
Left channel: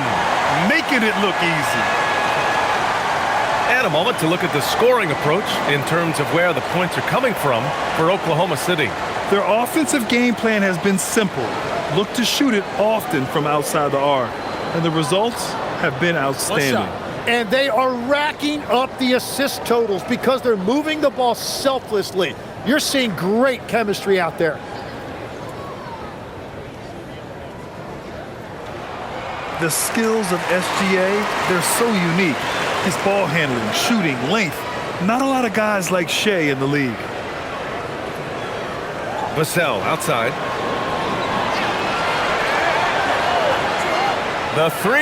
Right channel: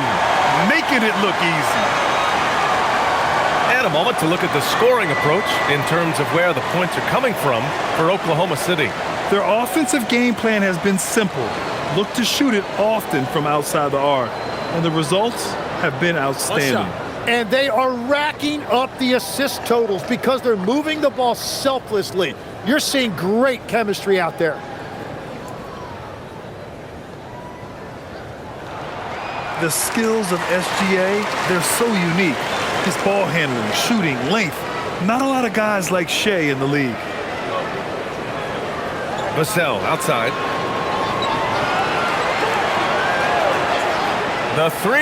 Making it look easy. And a moment to look at the scoring approach in terms of where the points are coming from for Oklahoma City. Their offensive game plan has been simple. Look to shoot it often from outside the arc. And the results have been outstanding. And they are racking up the assist totals because they're moving the ball selflessly. You're seeing great chemistry out there. The skills of SGA, they're so unique. His ball handling, shooting, length. Not a lot of guys like Shea in the league. Vassell outside. The 3.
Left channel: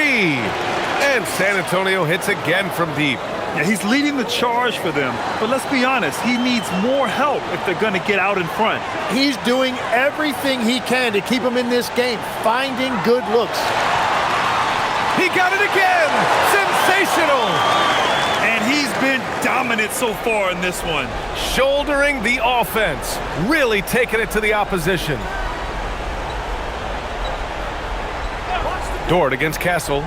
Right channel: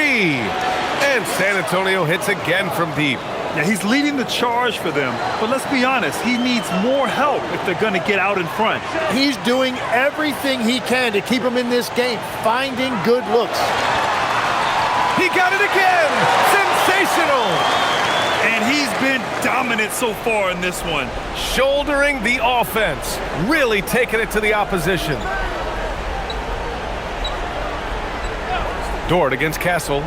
And San Antonio hits again from deep. Yeah, he's leading the charge for them. But let's be honest, he needs more help if they're going to get out in front. He's doing everything he can to keep them in this game, finding good looks. He got it again! Sensational! And he's been dominant so far in this one. Shouldering the offense, really taking it to the opposition. Dort against Castle.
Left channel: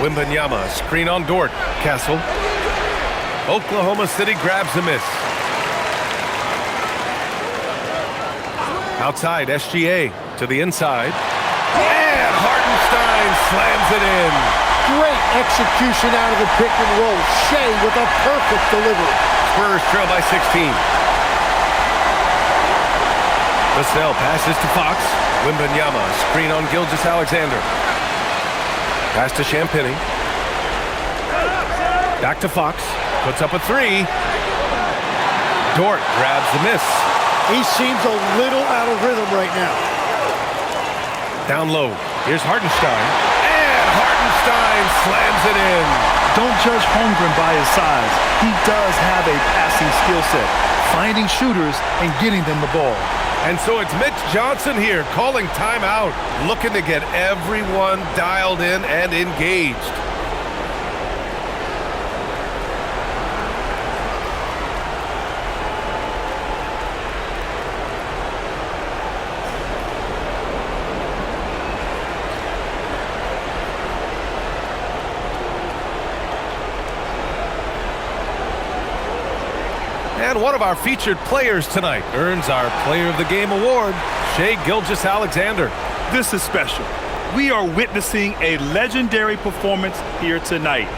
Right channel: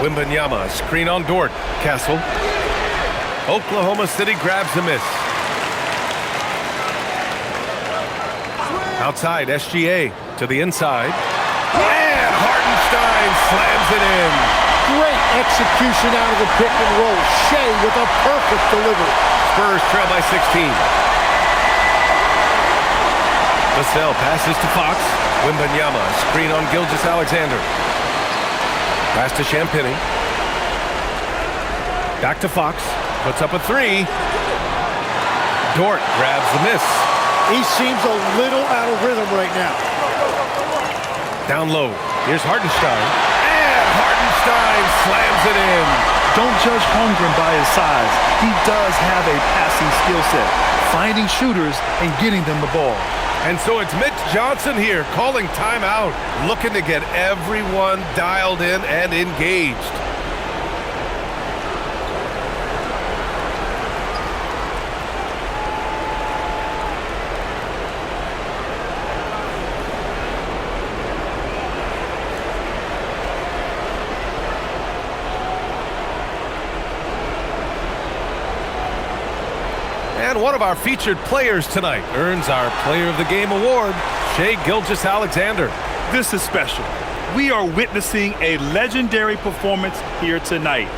Wembanyama, screen on Dort. Castle. Oklahoma City grabs a miss. Outside, SGA to the inside. And Hartenstein slams it in. Great execution out of the pick and roll. Shea with a perfect delivery. Spurs trail by 16. Vassell passes to Fox. Wembanyama, screen on Gilgeous-Alexander. Pass to Champagnie. Back to Fox. Puts up a three. Dort grabs the miss. He seems a little out of rhythm right now. Down low. Here's Hartenstein. And Hartenstein slams it in. Don't judge Holmgren by his size. He does have a passing skill set, finding shooters and getting them the ball. And so it's Mitch Johnson here calling timeout, looking to get everyone dialed in and engaged. And one of our featured players tonight earns our Player of the Game award, Shai Gilgeous-Alexander. This is special. We are witnessing a legendary performance here tonight.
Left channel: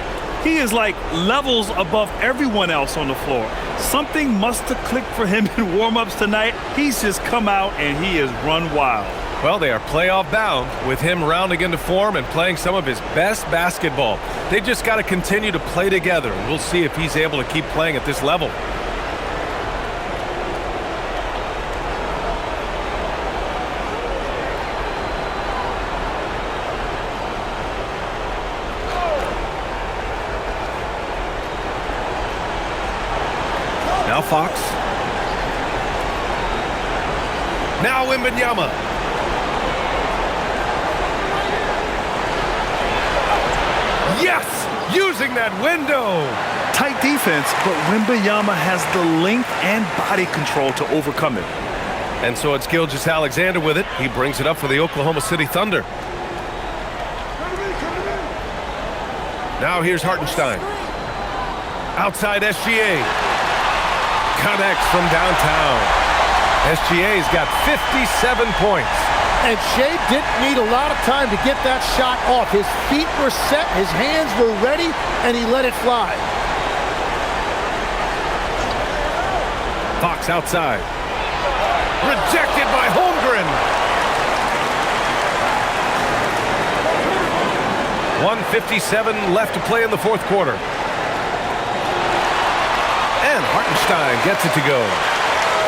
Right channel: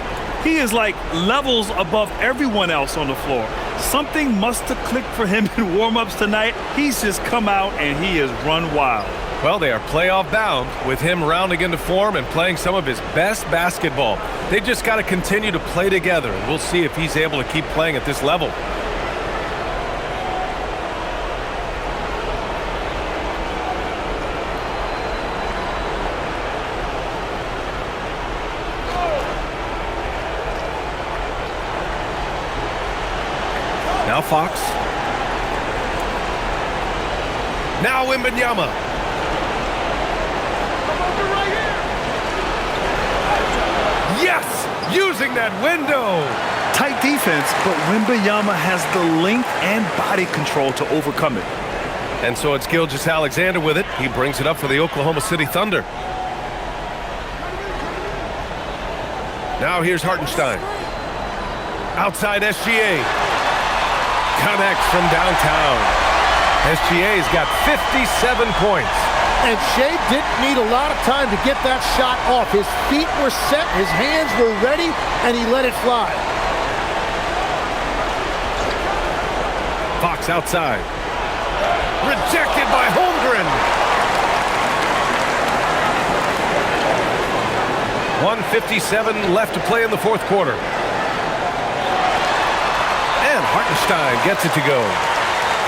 He is like levels above everyone else on the floor. Something must have clicked for him in warm-ups tonight. He's just come out and he has run wild. Well, they are playoff bound with him rounding into form and playing some of his best basketball. They just got to continue to play together, and we'll see if he's able to keep playing at this level. Now Fox. Now Wembanyama. Yes! Using that window! Tight defense, but Wembanyama has the length and body control to overcome it. And so it's Gilgeous-Alexander with it. He brings it up for the Oklahoma City Thunder. Now here's Hartenstein. Outside SGA. Connects from downtown. SGA's got 57 points. And Shai didn't need a lot of time to get that shot off. His feet were set, his hands were ready, and he let it fly. Fox outside. Rejected by Holmgren. 1:57 left to play in the fourth quarter. And Hartenstein gets it to go.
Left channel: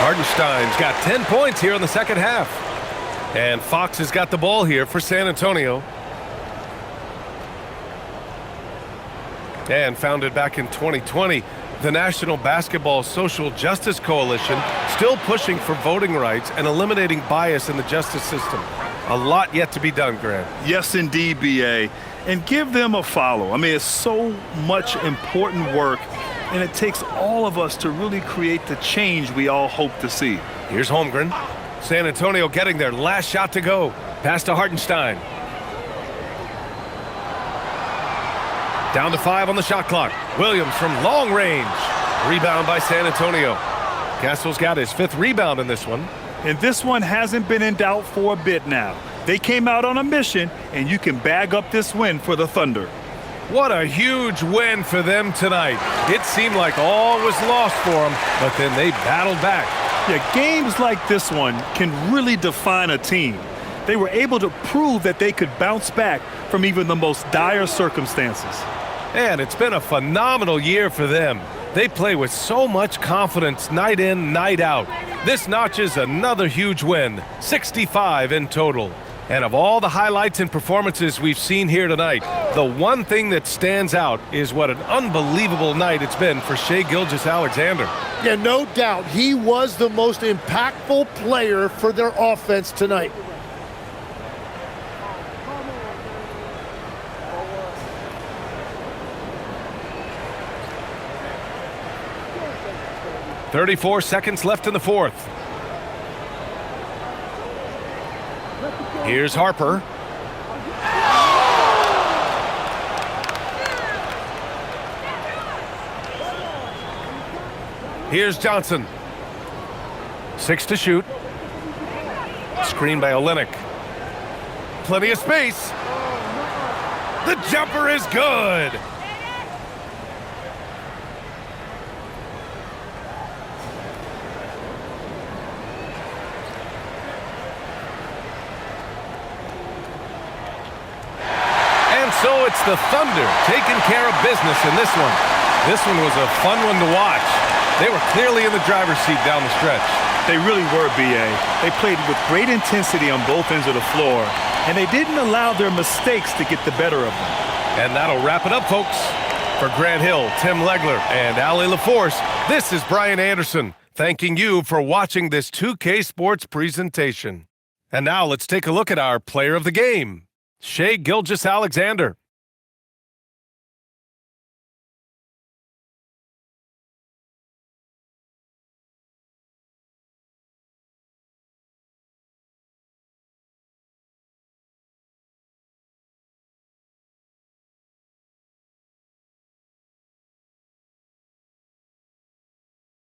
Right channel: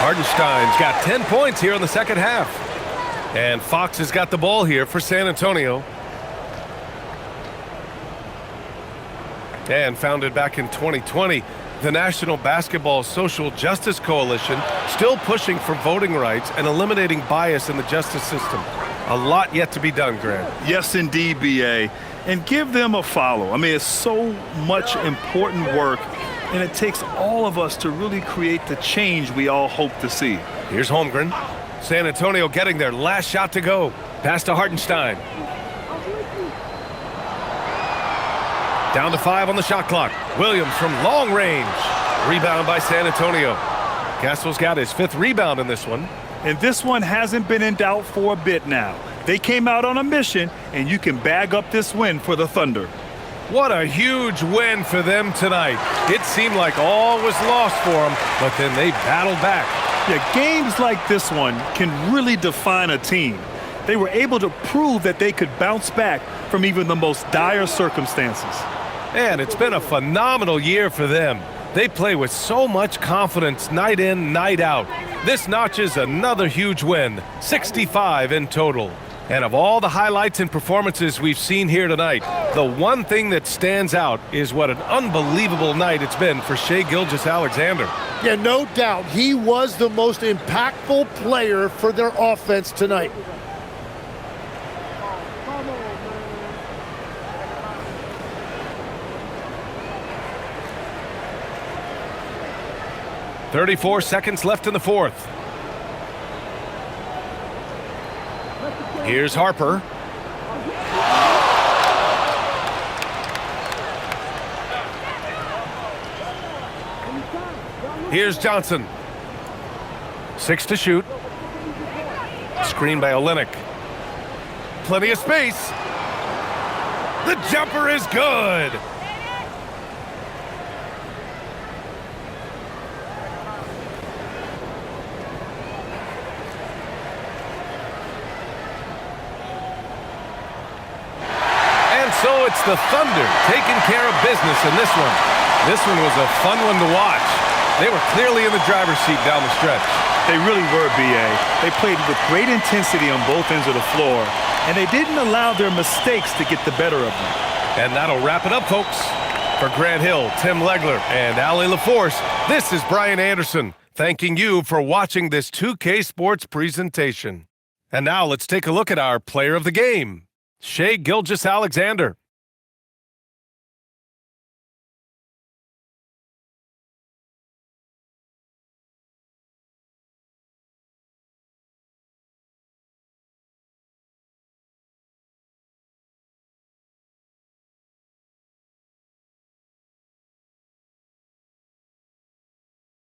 Hartenstein's got 10 points here in the second half. And Fox has got the ball here for San Antonio. And founded back in 2020, the National Basketball Social Justice Coalition still pushing for voting rights and eliminating bias in the justice system. A lot yet to be done, Grant. Yes, indeed, B.A. And give them a follow. I mean, it's so much important work, and it takes all of us to really create the change we all hope to see. Here's Holmgren. San Antonio getting their last shot to go. Pass to Hartenstein. Down to 5 on the shot clock. Williams from long range. Rebound by San Antonio. Castle's got his 5th rebound in this one. And this one hasn't been in doubt for a bit now. They came out on a mission, and you can bag up this win for the Thunder. What a huge win for them tonight. It seemed like all was lost for them, but then they battled back. Yeah, games like this one can really define a team. They were able to prove that they could bounce back from even the most dire circumstances. And it's been a phenomenal year for them. They play with so much confidence night in, night out. This notches another huge win, 65 in total. And of all the highlights and performances we've seen here tonight, the one thing that stands out is what an unbelievable night it's been for Shai Gilgeous-Alexander. Yeah, no doubt. He was the most impactful player for their offense tonight. .34 seconds left in the fourth. Here's Harper. Here's Johnson. 6 to shoot. Screen by Olynyk. Plenty of space. The jumper is good. And so it's the Thunder taking care of business in this one. This one was a fun one to watch. They were clearly in the driver's seat down the stretch. They really were, B.A. They played with great intensity on both ends of the floor, and they didn't allow their mistakes to get the better of them. And that'll wrap it up, folks. For Grant Hill, Tim Legler, and Allie LaForce, this is Brian Anderson, thanking you for watching this 2K Sports presentation. And now let's take a look at our player of the game, Shai Gilgeous-Alexander.